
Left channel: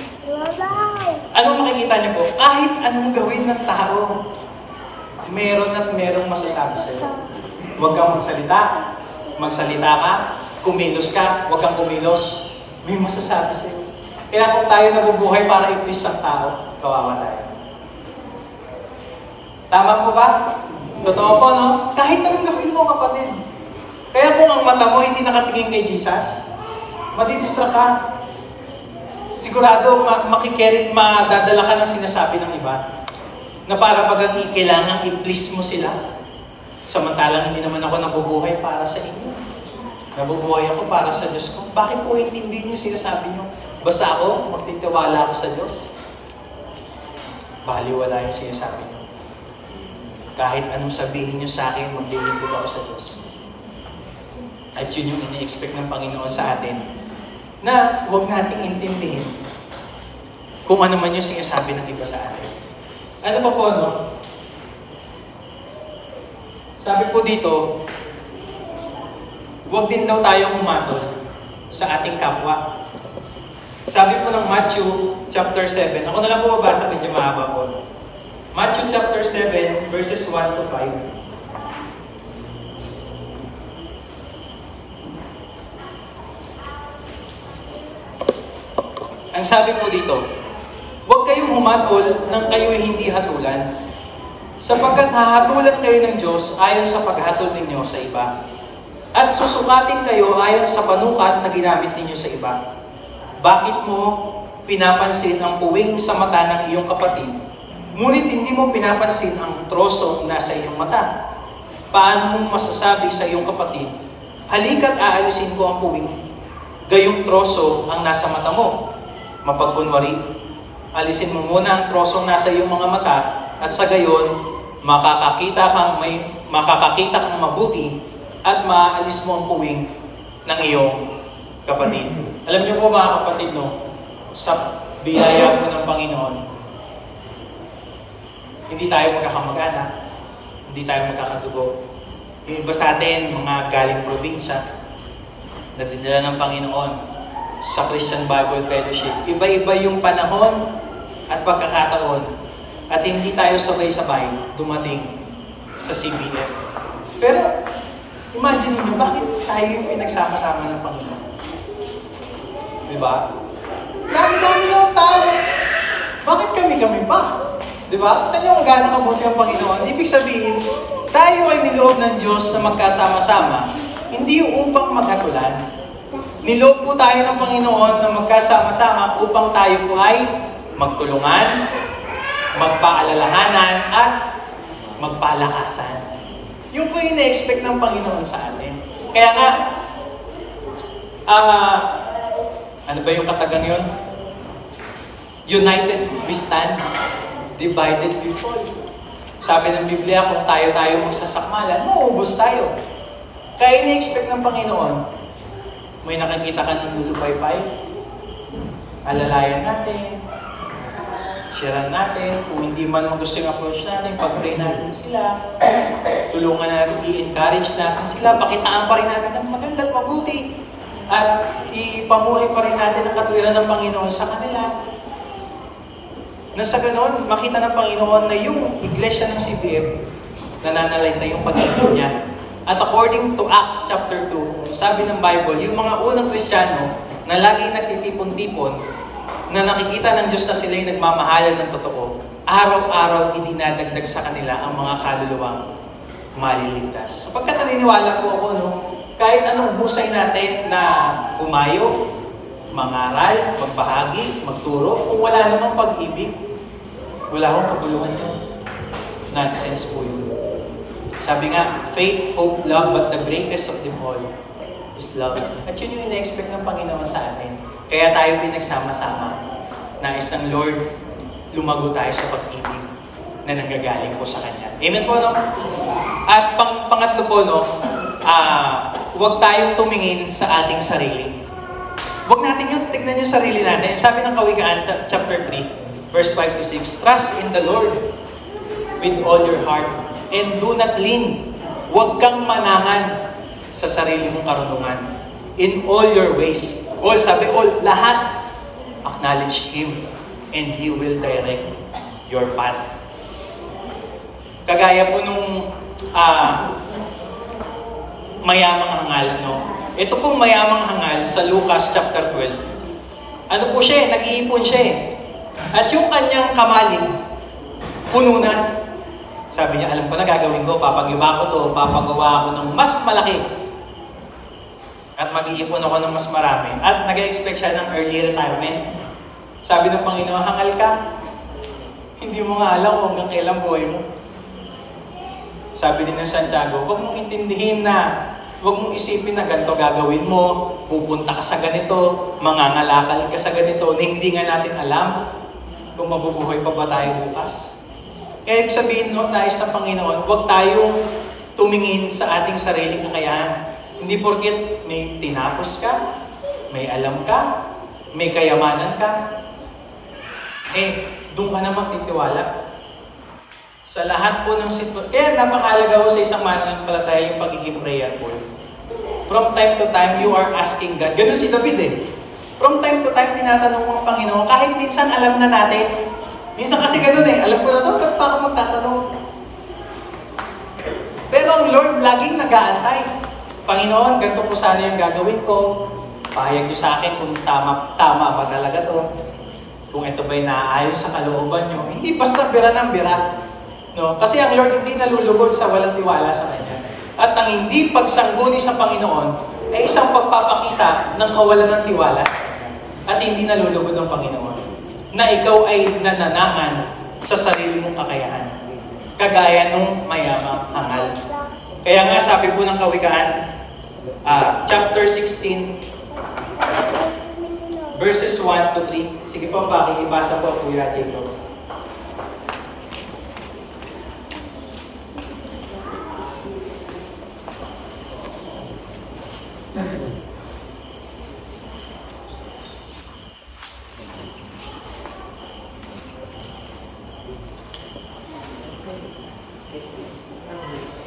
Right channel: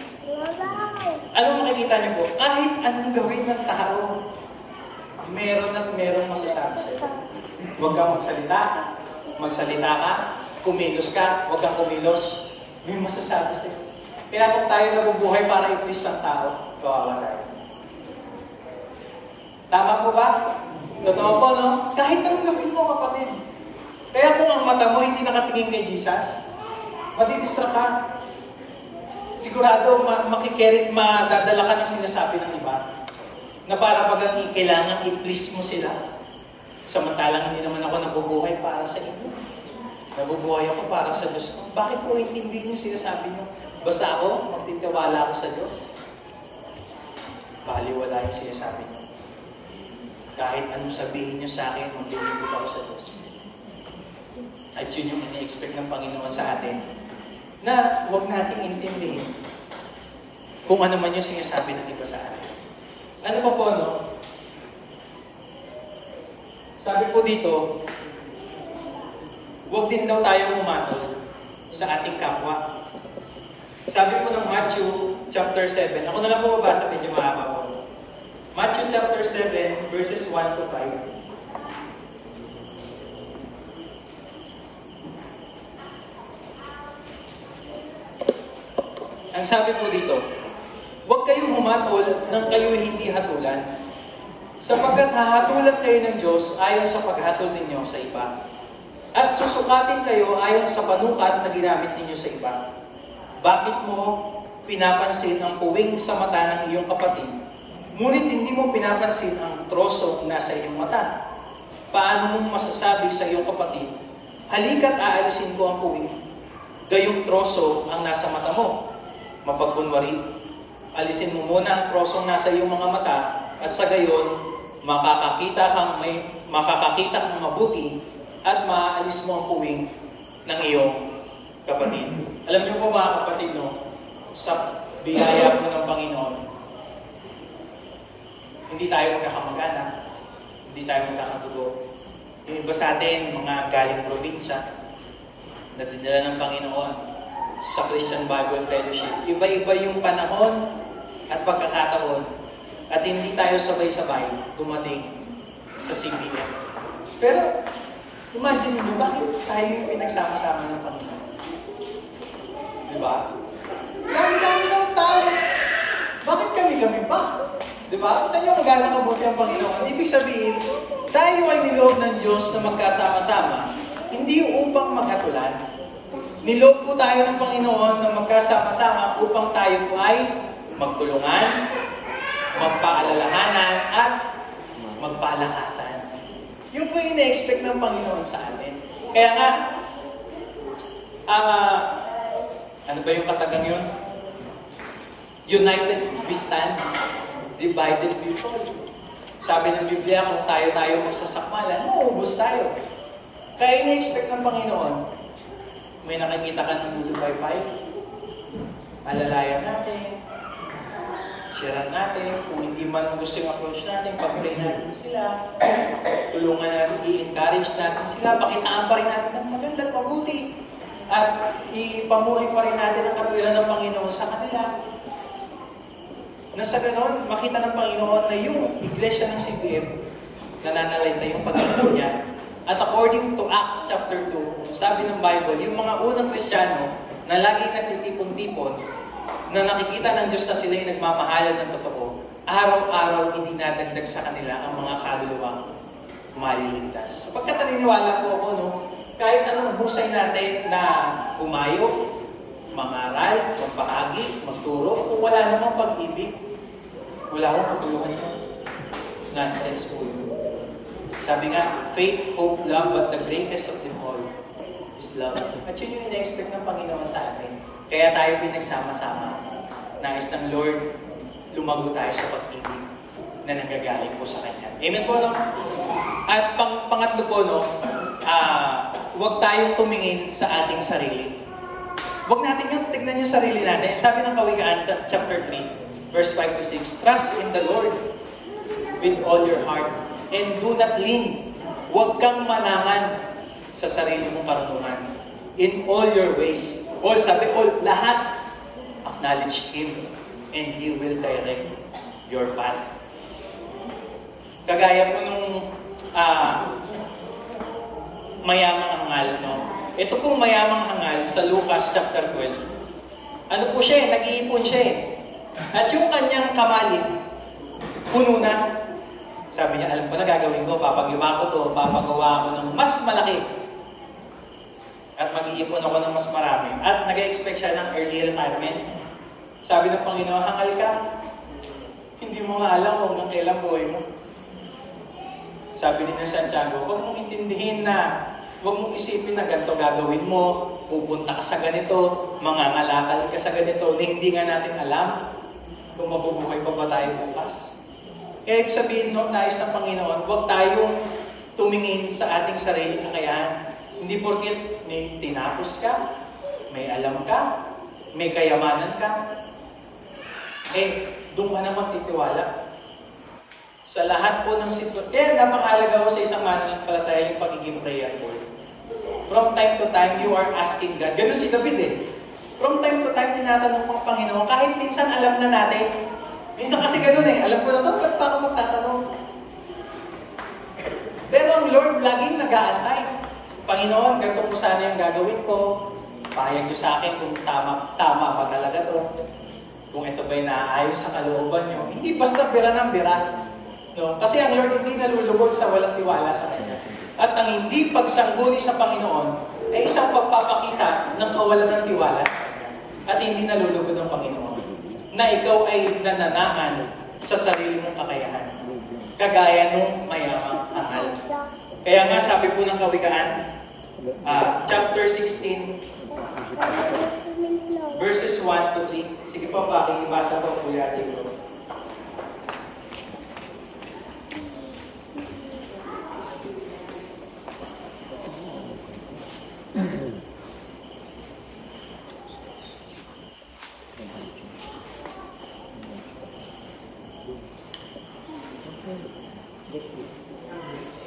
Anong makikita niyo po? Kahit anong gawin ng tao, meron at merong masasabi sa'yo. Huwag kang magsalita ka, kumilos ka, huwag kang kumilos, may masasabi sa'yo. Kaya kung tayo nabubuhay para i-please ang tao, kawawa tayo. Tama po ba? Totoo po, no? Kahit anong gawin mo, kapatid. Kaya kung ang mata mo hindi nakatingin kay Jesus, madidistract ka. Sigurado, madadala ka ng sinasabi ng iba na para pag kailangan i-please mo sila. Samantalang hindi naman ako nabubuhay para sa inyo. Nabubuhay ako para sa Diyos ko. Bakit po intindihin yung sinasabi nyo? Basta ako, magtitiwala ako sa Diyos. Baliwala yung sinasabi nyo. Kahit anong sabihin nyo sa akin, maglilingkod ako sa Diyos. At yun yung ini-expect ng Panginoon sa atin, na huwag nating intindihin kung ano man yung sinasabi ng iba sa atin. Ano pa po, no? Sabi po dito, huwag din daw tayong humatol sa ating kapwa. Sabi po ng Matthew chapter 7, ako na lang po mabasa, medyo mahaba po. Matthew chapter 7, verses 1 to 5. Ang sabi po dito, huwag kayong humatol nang kayo'y hindi hatulan, sapagkat hahatulan kayo ng Diyos ayon sa paghatol ninyo sa iba, at susukatin kayo ayon sa panukat na ginamit ninyo sa iba. Bakit mo pinapansin ang puwing sa mata ng iyong kapatid, ngunit hindi mo pinapansin ang troso nasa iyong mata? Paano mong masasabi sa iyong kapatid, halika't aalisin ko ang puwing, gayong troso ang nasa mata mo? Mapagkunwari, alisin mo muna ang trosong nasa iyong mga mata, at sa gayon, makakakita kang mabuti at maaalis mo ang puwing ng iyong kapatid. Alam niyo po mga kapatid, no, sa biyaya po ng Panginoon, hindi tayo magkakamag-anak, hindi tayo magkakadugo. Yung iba sa atin, mga galing probinsya, na dinala ng Panginoon sa Christian Bible Fellowship. Iba-iba yung panahon at pagkakataon, at hindi tayo sabay-sabay dumating sa CBF. Pero, imagine niyo, bakit tayo yung pinagsama-sama ng Panginoon? Diba? Dami-dami yung tao. Bakit kami pa? Diba? Kita niyo kung gaano kabuti ang Panginoon. Ibig sabihin, tayo ay niloob ng Diyos na magkasama-sama, hindi upang maghatulan. Niloob po tayo ng Panginoon na magkasama-sama upang tayo po ay magtulungan, magpaalalahanan, at magpalakasan. Yung po yung ina-expect ng Panginoon sa atin. Kaya nga, Ano ba yung katagang yun? United we stand, divided we fall. Sabi ng Biblia, kung tayo magsasakmalan, mauubos tayo. Kaya ini-expect ng Panginoon, may nakikita ka ng lulupay-pay, alalayan natin, sharean natin, kung hindi man gusto yung approach natin, pag-pray natin sila, tulungan natin, i-encourage natin sila, pakitaan pa rin natin ng maganda at mabuti, at ipamuhay pa rin natin ang katwiran ng Panginoon sa kanila. Na sa ganon, makita ng Panginoon na yung iglesia ng CBF, nananalay na yung pag-ibig niya. At according to Acts chapter 2, sabi ng Bible, yung mga unang Kristiyano na laging nagtitipon-tipon, na nakikita ng Diyos na sila'y nagmamahalan ng totoo, araw-araw idinadagdag sa kanila ang mga kaluluwang maliligtas. Sapagkat naniniwala po ako, kahit anong husay natin na umayo, mangaral, magbahagi, magturo, kung wala namang pag-ibig, wala akong kabuluhan yun. Nonsense po yun. Sabi nga, faith, hope, love, but the greatest of them all is love. At yun yung ina-expect ng Panginoon sa atin. Kaya tayo pinagsama-sama. Nais ng Lord, lumago tayo sa pag-ibig na nanggagaling po sa Kanya. Amen po, no? At pangatlo po, huwag tayong tumingin sa ating sarili. Huwag natin yung tignan yung sarili natin. Sabi ng Kawikaan, chapter 3, verse 5 to 6, trust in the Lord with all your heart and do not lean. Huwag kang manangan sa sarili mong karunungan. In all your ways. All, sabi, all, lahat, acknowledge Him and He will direct your path. Kagaya po nung mayamang hangal, Ito pong mayamang hangal sa Lucas chapter 12. Ano po siya? Nag-iipon siya. At yung kanyang kamalig, puno na. Sabi niya, alam ko na gagawin ko, papagawa ko to, papagawa ako ng mas malaki. At mag-iipon ako ng mas marami. At nag-expect siya ng early retirement. Sabi ng Panginoon, hangal ka. Hindi mo nga alam kung hanggang kailan buhay mo. Sabi din ng Santiago, huwag mong intindihin na, huwag mong isipin na ganito gagawin mo, pupunta ka sa ganito, mangangalakal ka sa ganito, na hindi nga natin alam kung mabubuhay pa ba tayo bukas. Kaya ibig sabihin, nais ng Panginoon, huwag tayong tumingin sa ating sariling kakayahan. Hindi porket may tinapos ka, may alam ka, may kayamanan ka, doon ka na magtitiwala. Sa lahat po ng sitwasyon. Kaya napakahalaga ko sa isang mananampalataya yung pagiging prayerful. From time to time, you are asking God. Ganun si David From time to time, tinatanong mo ang Panginoon. Kahit minsan alam na natin. Minsan kasi ganun alam ko na ito, ba't pa ako magtatanong? Pero ang Lord laging nag-aantay. Panginoon, ganito po sana yung gagawin ko. Pahayag niyo sa akin kung tama ba talaga to. Kung ito ba'y naaayon sa kalooban niyo. Hindi basta bira ng bira. Kasi ang Lord hindi nalulugod sa walang tiwala sa Kanya. At ang hindi pagsangguni sa Panginoon ay isang pagpapakita ng kawalan ng tiwala sa Kanya. At hindi nalulugod ng Panginoon na ikaw ay nananangan sa sarili mong kakayahan. Kagaya nung mayamang hangal. Kaya nga sabi po ng Kawikaan, chapter 16, verses 1 to 3. Sige po, pakikibasa po, Kuya Jacob.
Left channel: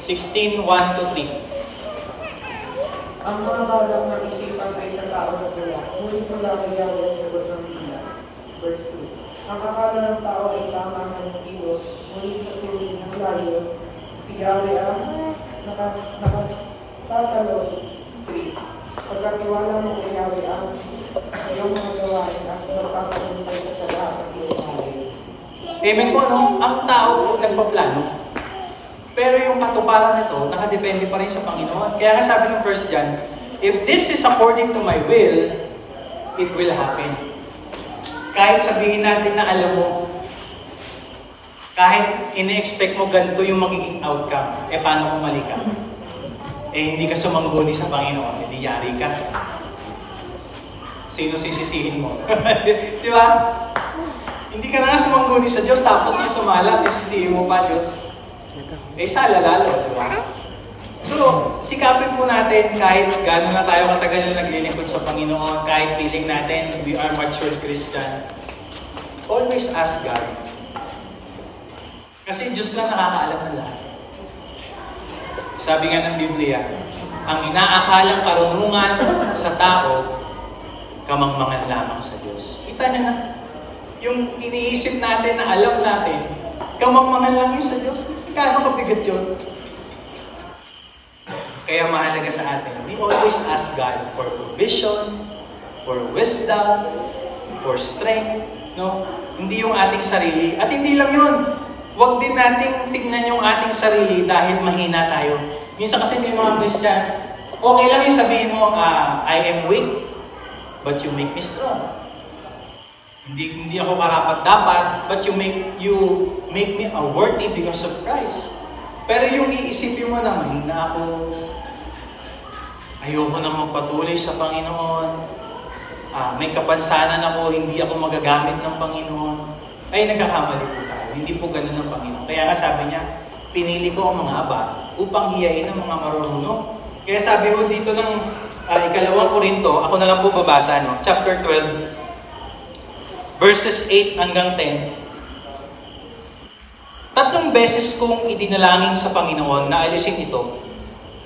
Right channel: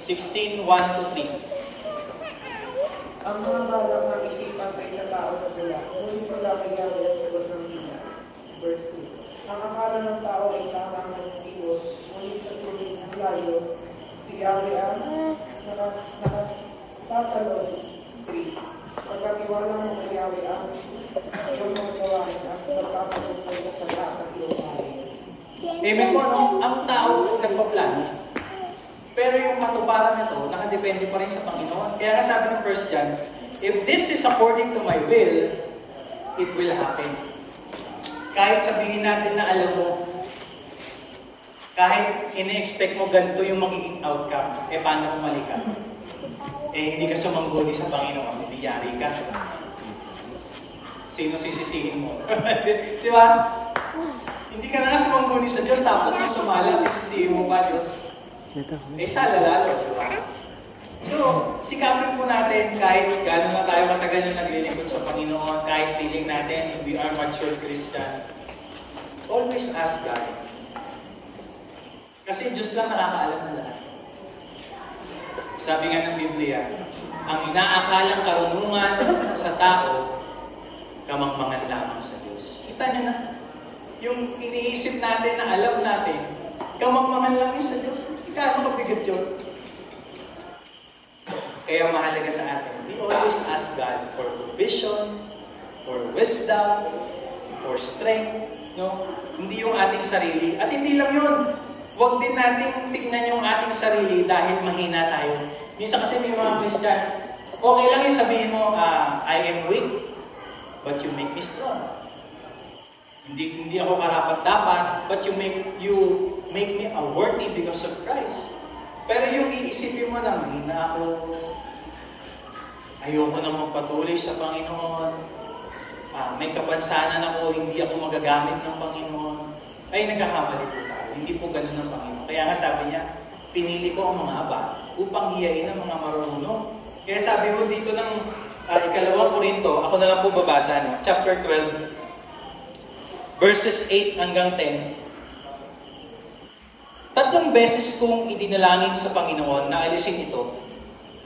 (16:1 to 3). Ang mga balang ng isipan ay sa tao na kaya, ngunit mula kay Yahweh ang sagot ng bida. Verse 2. Ang akala ng tao ay tama ng Diyos, ngunit sa tuloy ng layo, si Yahweh ang nakatalos. 3. Pagkatiwala mo kay Yahweh ang iyong mga gawain at magpapaguntay ka sa lahat ng iyong hari. Amen po, Ang tao po nagpaplano. Pero yung katuparan nito, nakadepende pa rin sa Panginoon. Kaya nga sabi ng 1 John, if this is according to my will, it will happen. Kahit sabihin natin na alam mo, kahit ine-expect mo ganito yung magiging outcome, paano kung mali ka? Hindi ka sumangguni sa Panginoon, hindi yari ka. sino sisisihin mo? Di ba? Hindi ka na nga sumangguni sa Diyos, tapos yung sumala, sisisihin mo pa Diyos. Eh, sala lalo, di ba? So, sikapin po natin kahit gano'n na tayo katagal na naglilingkod sa Panginoon, kahit feeling natin we are matured Christian, always ask God. Kasi Diyos lang nakakaalam ng lahat. Sabi nga ng Biblia, ang inaakalang karunungan sa tao, kamangmangan lamang sa Diyos. Kita niyo na, yung iniisip natin na alam natin, kamangmangan lang yun sa Diyos. Kano kabigat yun? Kaya mahalaga sa atin, we always ask God for provision, for wisdom, for strength, no? Hindi yung ating sarili. At hindi lang yun. Huwag din nating tignan yung ating sarili dahil mahina tayo. Minsan kasi may mga Christian, okay lang yung sabihin mo, I am weak, but you make me strong. Hindi ako karapat-dapat, but you make me worthy because of Christ. Pero yung iisipin mo na mahina ako, ayoko na magpatuloy sa Panginoon, may kapansanan ako, hindi ako magagamit ng Panginoon, ay nagkakamali po tayo. Hindi po ganun ng Panginoon. Kaya nga sabi niya, pinili ko ang mga aba upang hiyain ang mga marunong. Kaya sabi mo dito ng ikalawang Korinto, ako na lang po babasa, no? Chapter 12, verses 8 hanggang 10. 3 beses kong idinalangin sa Panginoon na alisin ito.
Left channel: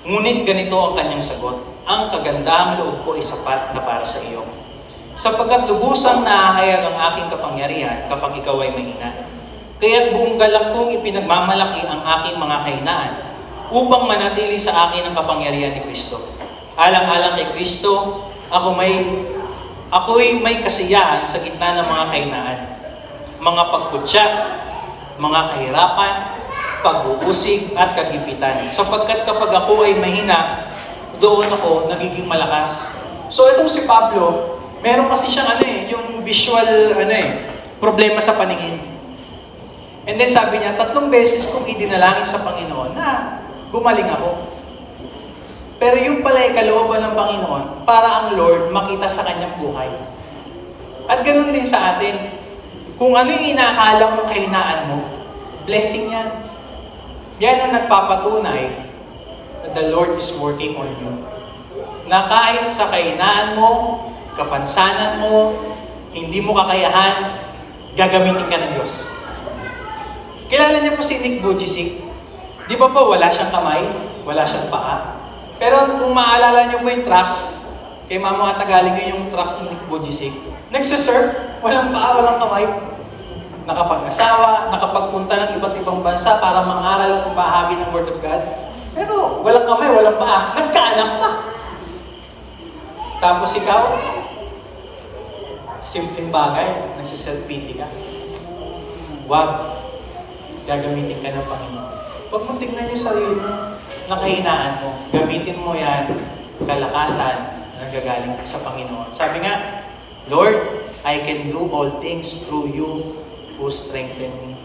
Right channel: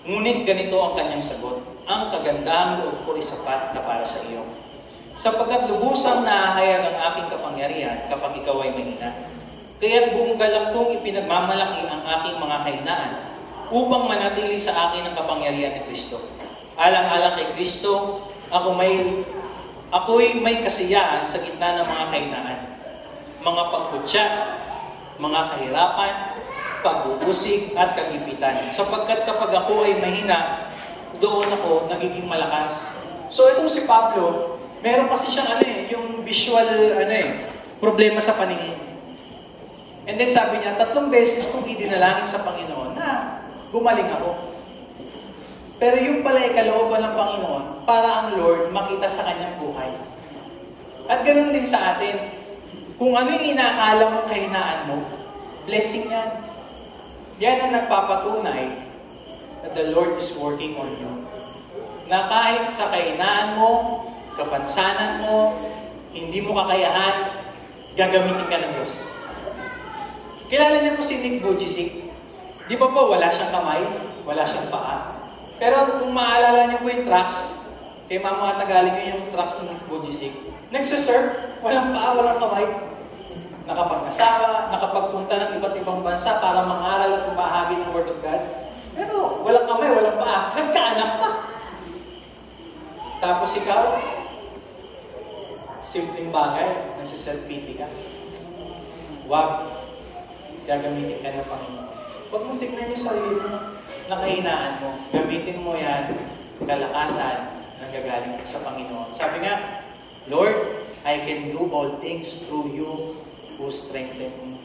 Ngunit ganito ang kanyang sagot, ang kagandahang loob ko ay sapat na para sa iyo. Sapagkat lubusang naahayag ang aking kapangyarihan kapag ikaw ay mahina. Kaya't buong galak kong ipinagmamalaki ang aking mga kahinaan upang manatili sa akin ang kapangyarihan ni Kristo. Alang-alang kay Kristo, ako'y may kasiyahan sa gitna ng mga kahinaan, mga pagkutya, mga kahirapan, pag-uusig at kagipitan. Sapagkat kapag ako ay mahina, doon ako nagiging malakas. So itong si Pablo, meron kasi siyang yung visual problema sa paningin. And then sabi niya, 3 beses kong idinalangin sa Panginoon na gumaling ako. Pero yung pala ay kalooban ng Panginoon para ang Lord makita sa kanyang buhay. At ganun din sa atin. Kung ano yung inakala mong kahinaan mo, blessing yan. Yan ang nagpapatunay that the Lord is working on you. Na kahit sa kahinaan mo, kapansanan mo, hindi mo kakayahan, gagamitin ka ng Diyos. Kilala niyo po si Nick Vujicic? Di ba po wala siyang kamay, wala siyang paa? Pero kung maalala niyo po yung tracks, kay Mama Atagaling yung tracks ni Nick Vujicic, nagsisurf, walang paa, walang kamay. Nakapag-asawa, nakapagpunta ng iba't ibang bansa para mangaral at bahagi ng Word of God. Pero walang kamay, walang paa, nagkaanak pa. Tapos ikaw, simpleng bagay, nagsiself-pity ka. Huwag, gagamitin ka ng Panginoon. Huwag mong tignan yung sarili mo, nakahinaan mo. Gamitin mo yan, kalakasan na gagaling sa Panginoon. Sabi nga, Lord, I can do all things through you who strengthen me.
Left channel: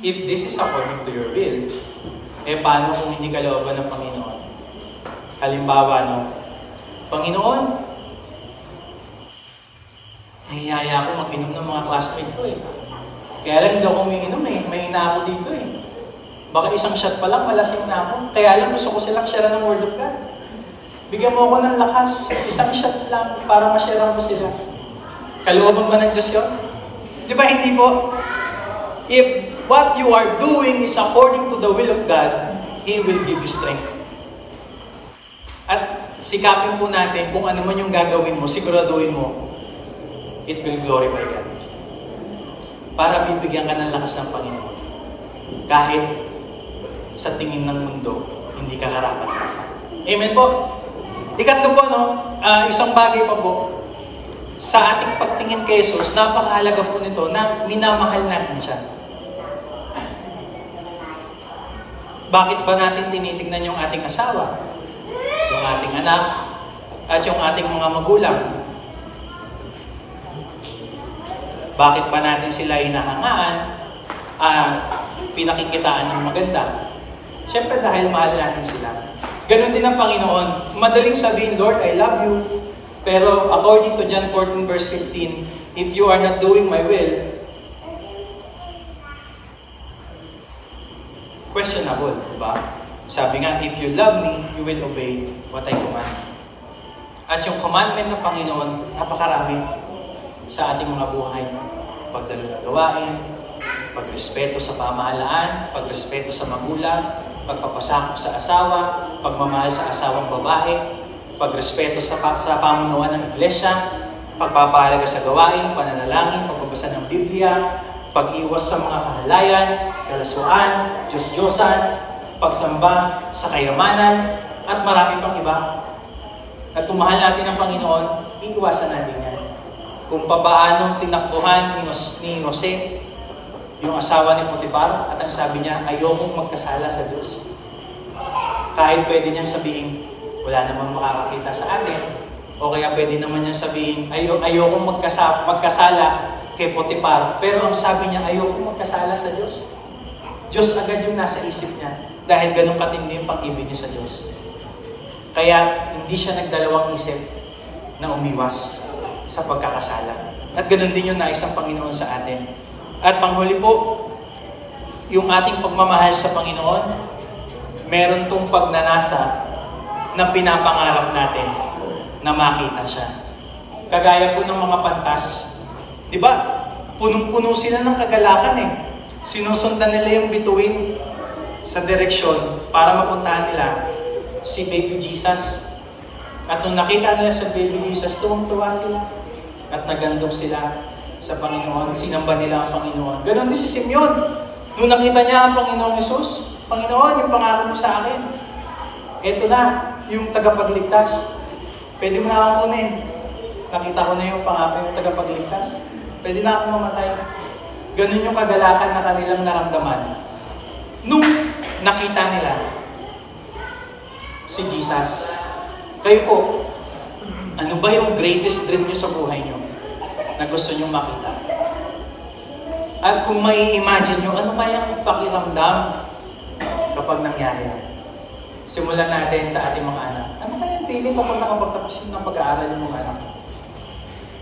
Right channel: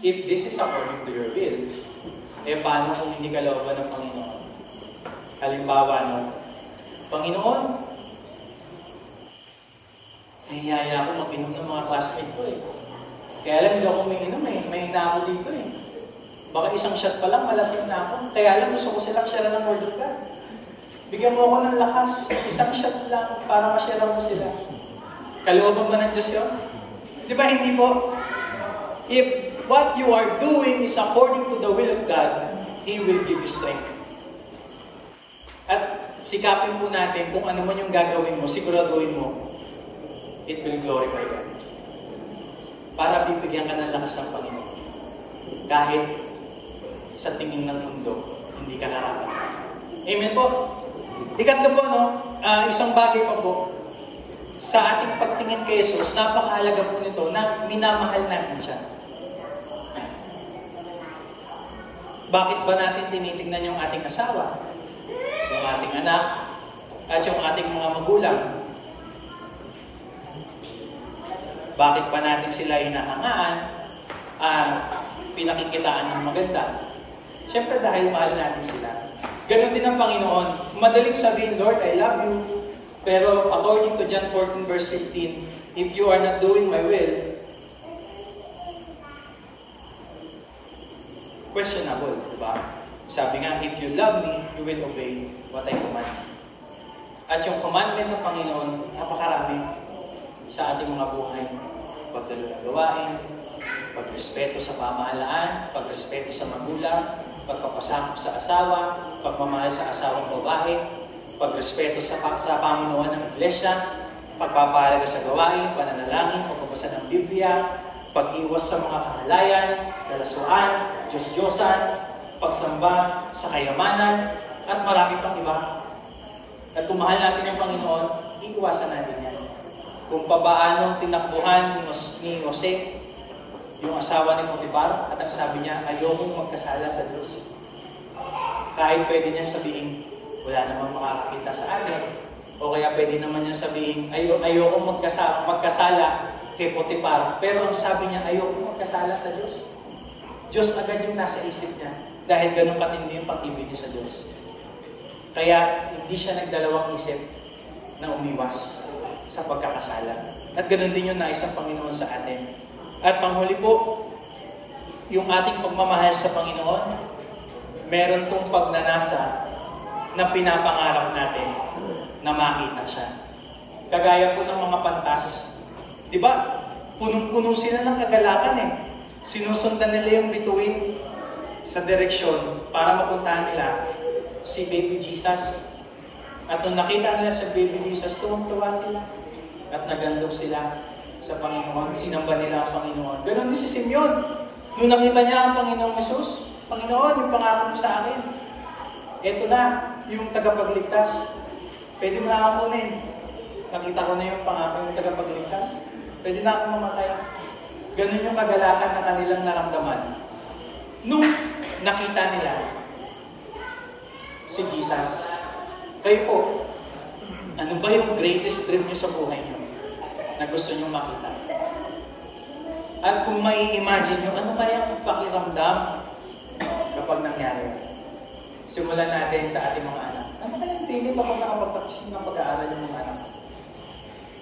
If this is according to your will, paano kung hindi kalooban ng Panginoon? Halimbawa, Panginoon, nahihaya ako mag-inom ng mga classmate ko Kaya lang hindi ako umiinom may ina ako dito Baka isang shot pa lang, malasing na ako. Kaya lang gusto ko silang share ng Word of God. Bigyan mo ako ng lakas. Isang shot lang para ma-share mo sila. Kalooban ba ng Diyos yun? Di ba hindi po? If what you are doing is according to the will of God, He will give you strength. At sikapin po natin kung ano man yung gagawin mo, siguraduhin mo, it will glorify God. Para bibigyan ka ng lakas ng Panginoon. Kahit sa tingin ng mundo, hindi ka karapat-dapat. Amen po. Ikatlo po, isang bagay pa po. Sa ating pagtingin kay Jesus, napakahalaga po nito na minamahal natin siya. Bakit ba natin tinitingnan yung ating asawa, yung ating anak, at yung ating mga magulang? Bakit ba natin sila hinahangaan, pinakikitaan ng maganda? Siyempre dahil mahal natin sila. Ganon din ang Panginoon. Madaling sabihin, Lord, I love you. Pero according to John 14 verse 15, if you are not doing my will, questionable, diba? Sabi nga, if you love me, you will obey what I command. At yung commandment ng Panginoon, napakarami sa ating mga buhay. Pagdalo ng gawain, pagrespeto sa pamahalaan, pagrespeto sa magulang, pagpapasakop sa asawa, pagmamahal sa asawang babae, pagrespeto sa pamunuan ng iglesia, pagpapahalaga sa gawain, pananalangin, pagbabasa ng Biblia, pag-iwas sa mga kahalayan, kalasuan, Diyos-Diyosan, pagsamba sa kayamanan, at marami pang iba. At kung mahal natin ang Panginoon, iiwasan natin yan. Kung papaanong tinakbuhan ni Jose, yung asawa ni Potiphar, at ang sabi niya, ayokong magkasala sa Diyos. Kahit pwede niyang sabihin, wala namang makakakita sa atin. O kaya pwede naman niyang sabihin, ayokong magkasala kay Potiphar. Pero ang sabi niya, ayokong magkasala sa Diyos. Diyos agad yung nasa isip niya. Dahil ganun katindi yung pag-ibig niya sa Diyos. Kaya hindi siya nagdalawang isip na umiwas sa pagkakasala. At ganun din yung nais ng Panginoon sa atin. At panghuli po, yung ating pagmamahal sa Panginoon, meron tong pagnanasa na pinapangarap natin na makita siya. Kagaya po ng mga pantas. Di ba? Punong-puno sila ng kagalakan eh. Sinusundan nila yung bituin sa direksyon para mapuntahan nila si Baby Jesus. At nung nakita nila sa Baby Jesus, tuwang-tuwa sila. At nagandog sila sa Panginoon. Sinamba nila ang Panginoon. Ganon din si Simeon. Nung nakita niya ang Panginoong Jesus, Panginoon, yung pangako mo sa akin. Ito na, yung tagapagligtas. Pwede mo na akong kunin. Nakita ko na yung pangako yung tagapagligtas. Pwede na akong mamatay. Ganon yung kagalakan na kanilang naramdaman. Nung nakita nila si Jesus, kayo po, ano ba yung greatest dream nyo sa buhay nyo na gusto nyo makita? At kung may imagine nyo, ano kayang pakiramdam kapag nangyari yan? Simulan natin sa ating mga anak. Ano kayang feeling kapag nakapagtapos ng pag-aaral yung mga anak?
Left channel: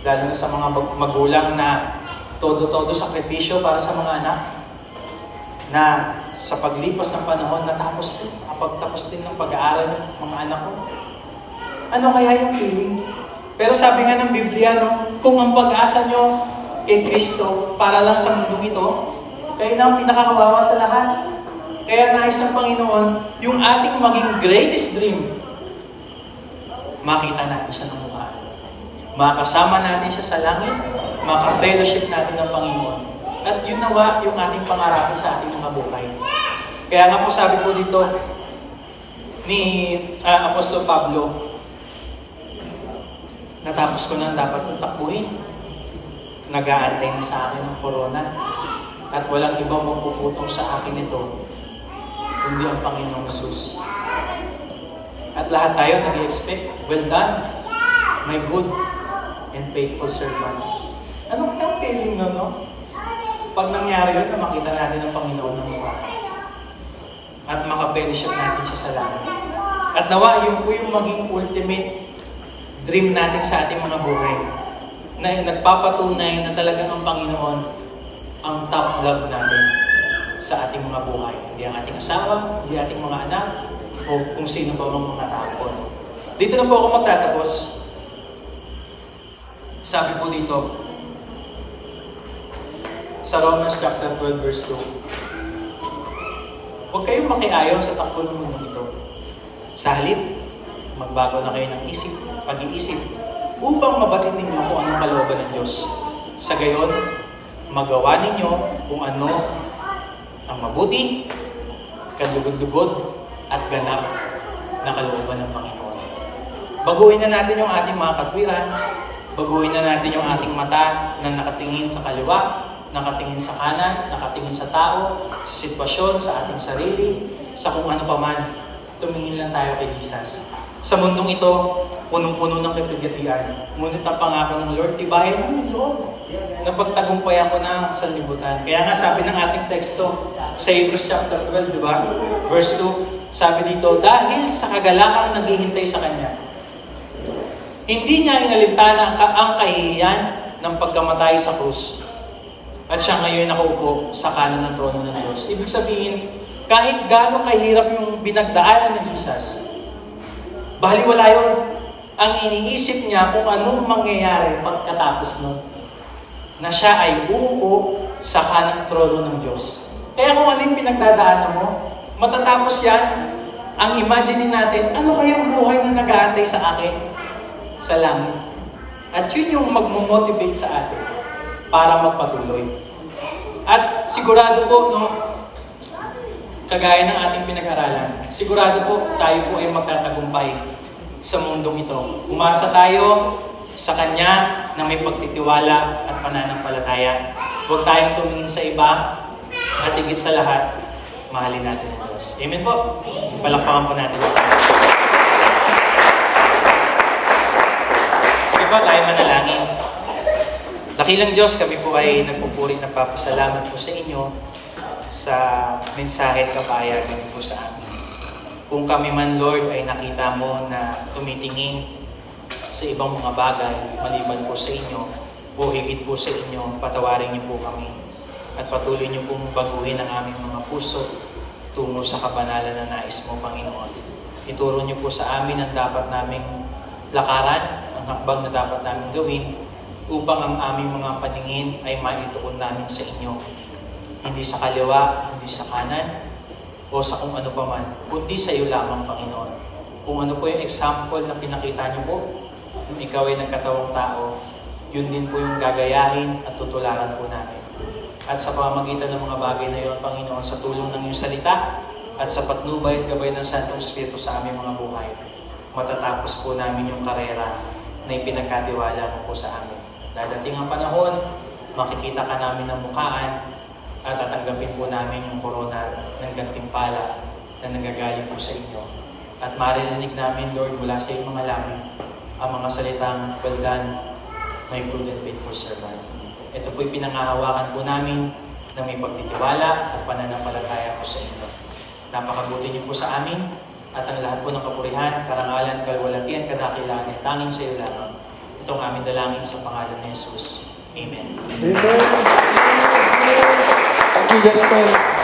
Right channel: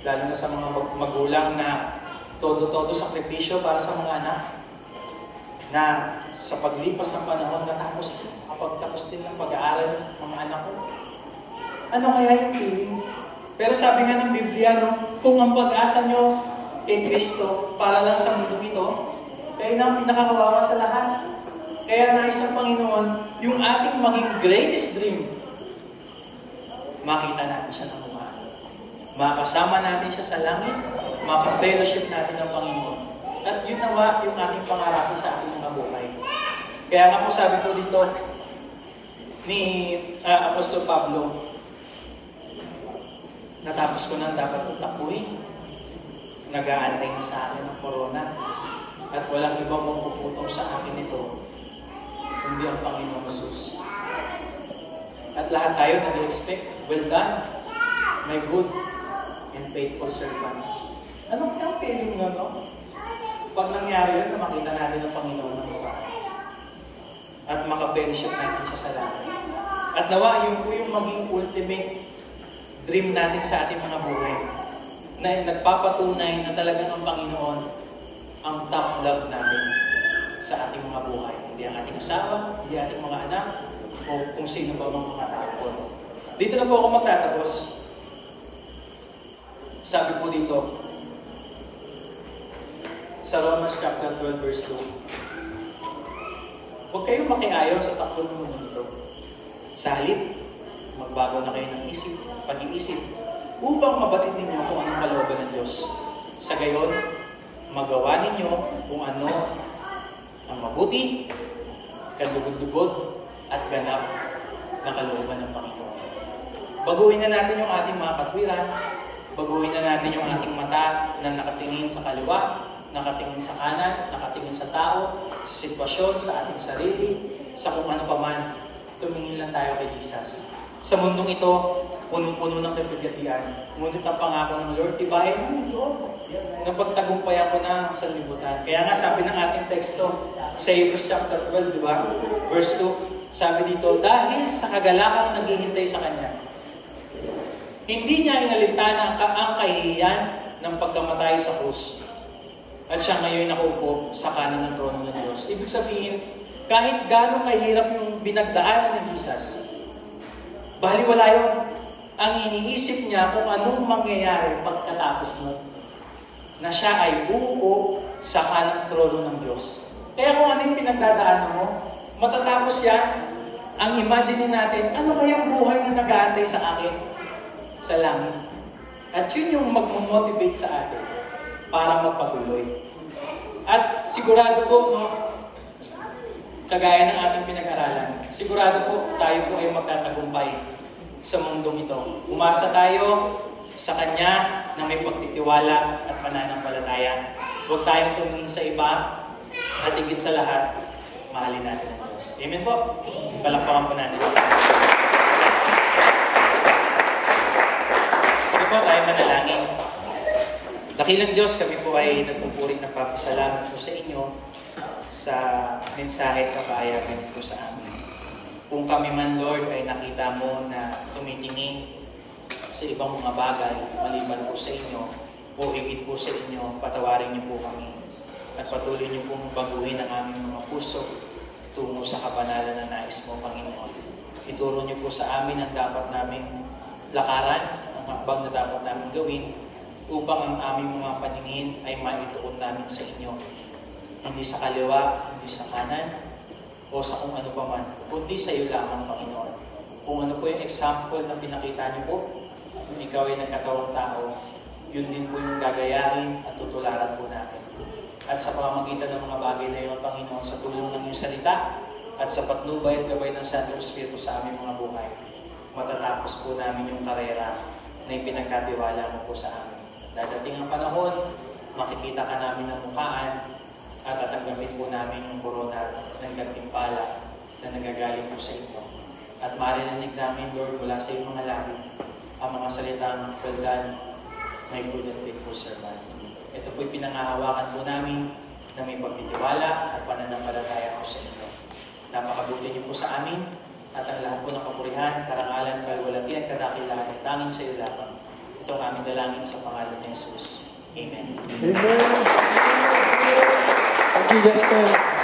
Lalo na sa mga magulang na todo-todo sakripisyo para sa mga anak, na sa paglipas ng panahon nakapagtapos din ng pag-aaral ng mga anak ko. Ano kaya yung feeling? Pero sabi nga ng Biblia, no, kung ang pag-asa nyo kay Kristo para lang sa mundong ito, kayo na ang pinakakawawa sa lahat. Kaya nais ng Panginoon, yung ating maging greatest dream, makita natin siya ng mukha. Makasama natin siya sa langit, maka-fellowship natin ng Panginoon. At yun nawa yung ating pangarapin sa ating mga buhay. Kaya nga po sabi po dito ni Apostol Pablo, natapos ko nang dapat kong takbuhin. Nag-aantay na sa akin ng corona. At walang ibang magpuputong sa akin ito, kundi ang Panginoong Jesus. At lahat tayo nag-expect, well done, my good and faithful servant. Anong feeling no? Pag nangyari yun, na makita natin ang Panginoon ng mukha. At maka-fellowship natin siya sa langit. At nawa, yun po yung maging ultimate dream natin sa ating mga buhay. Na nagpapatunay na talagang ang Panginoon ang top love natin sa ating mga buhay. Hindi ang ating asawa, hindi ating mga anak, o kung sino ba ang mga tao. No? Dito na po ako magtatapos. Sabi po dito, sa Romans chapter 12 verse 2, huwag kayong makiayaw sa takbo ng mundo ito. Sa halip, magbago na kayo ng pag-iisip, upang mabatid ninyo kung anong kalooban ng Diyos. Sa gayon, magawa ninyo kung ano ang mabuti, kalugod-lugod, at ganap na kalooban ng Panginoon. Baguhin na natin yung ating mga katwiran, baguhin na natin yung ating mata na nakatingin sa kaliwa, nakatingin sa kanan, nakatingin sa tao, sa sitwasyon, sa ating sarili, sa kung ano pa man. Tumingin lang tayo kay Jesus. Sa mundong ito, punong-puno ng kapigatian. Ngunit ang pangako ng Lord, tibahin mo yung loob. Napagtagumpayan ko na sa libutan. Kaya nga sabi ng ating teksto, sa Hebrews chapter 12, di ba? Verse 2, Sabi dito, dahil sa kagalakang naghihintay sa Kanya, hindi niya inalintana ang kahihiyan ng pagkamatay sa krus. At siya ngayon nakaupo sa kanan ng trono ng Diyos. Ibig sabihin, kahit gaano kahirap yung binagdaanan ng Jesus, baliwala yun. Ang iniisip niya kung anong mangyayari pagkatapos nun. Na siya ay uupo sa kanang trono ng Diyos. Kaya kung ano yung pinagdadaanan mo, matatapos yan, ang imagine natin, ano kayang buhay na nag-aantay sa akin? Sa langit. At yun yung magmo-motivate sa atin para magpatuloy. At sigurado po, no, kagaya ng ating pinag-aralan, sigurado po tayo po ay magtatagumpay sa mundong ito. Umasa tayo sa Kanya na may pagtitiwala at pananampalataya. Huwag tayong tumingin sa iba at higit sa lahat, mahalin natin ang Diyos. Amen po. Palakpakan po natin. Sige po, tayo manalangin. Dakilang Diyos, kami po ay nagpupuri na papasalamat po sa inyo sa mensahe at kapahayagan niyo po sa amin. Kung kami man, Lord, ay nakita mo na tumitingin sa ibang mga bagay maliban po sa inyo o higit po sa inyo, patawarin niyo po kami at patuloy niyo pong baguhin ang aming mga puso tungo sa kabanalan na nais mo, Panginoon. Ituro niyo po sa amin ang dapat naming lakaran, ang hakbang na dapat naming gawin upang ang aming mga paningin ay maituon namin sa inyo. Hindi sa kaliwa, hindi sa kanan, o sa kung ano pa man, kundi sa iyo lamang, Panginoon. Kung ano po yung example na pinakita niyo po, kung ikaw ay nagkatawang tao, yun din po yung gagayahin at tutularan po namin. At sa pamamagitan ng mga bagay na iyon, Panginoon, sa tulong ng iyong salita at sa patnubay at gabay ng Santong Espiritu sa aming mga buhay, matatapos po namin yung karera na ipinagkatiwala mo po sa amin. Dadating ang panahon, makikita ka namin ng mukhaan at tatanggapin po namin yung korona ng gantimpala na nanggagaling po sa inyo. At maririnig namin, Lord, mula sa iyong mga labi, ang mga salitang, well done, my good and faithful servant. Ito po'y pinangahawakan po namin na may pagtitiwala at pananampalataya po sa inyo. Napakabuti niyo po sa amin at ang lahat po ng kapurihan, karangalan, kalwalatian, kadakilaan ay tanging sa iyo lamang. Itong aming dalangin sa pangalan ni Jesus. Amen. Amen. Thank you, Jasper.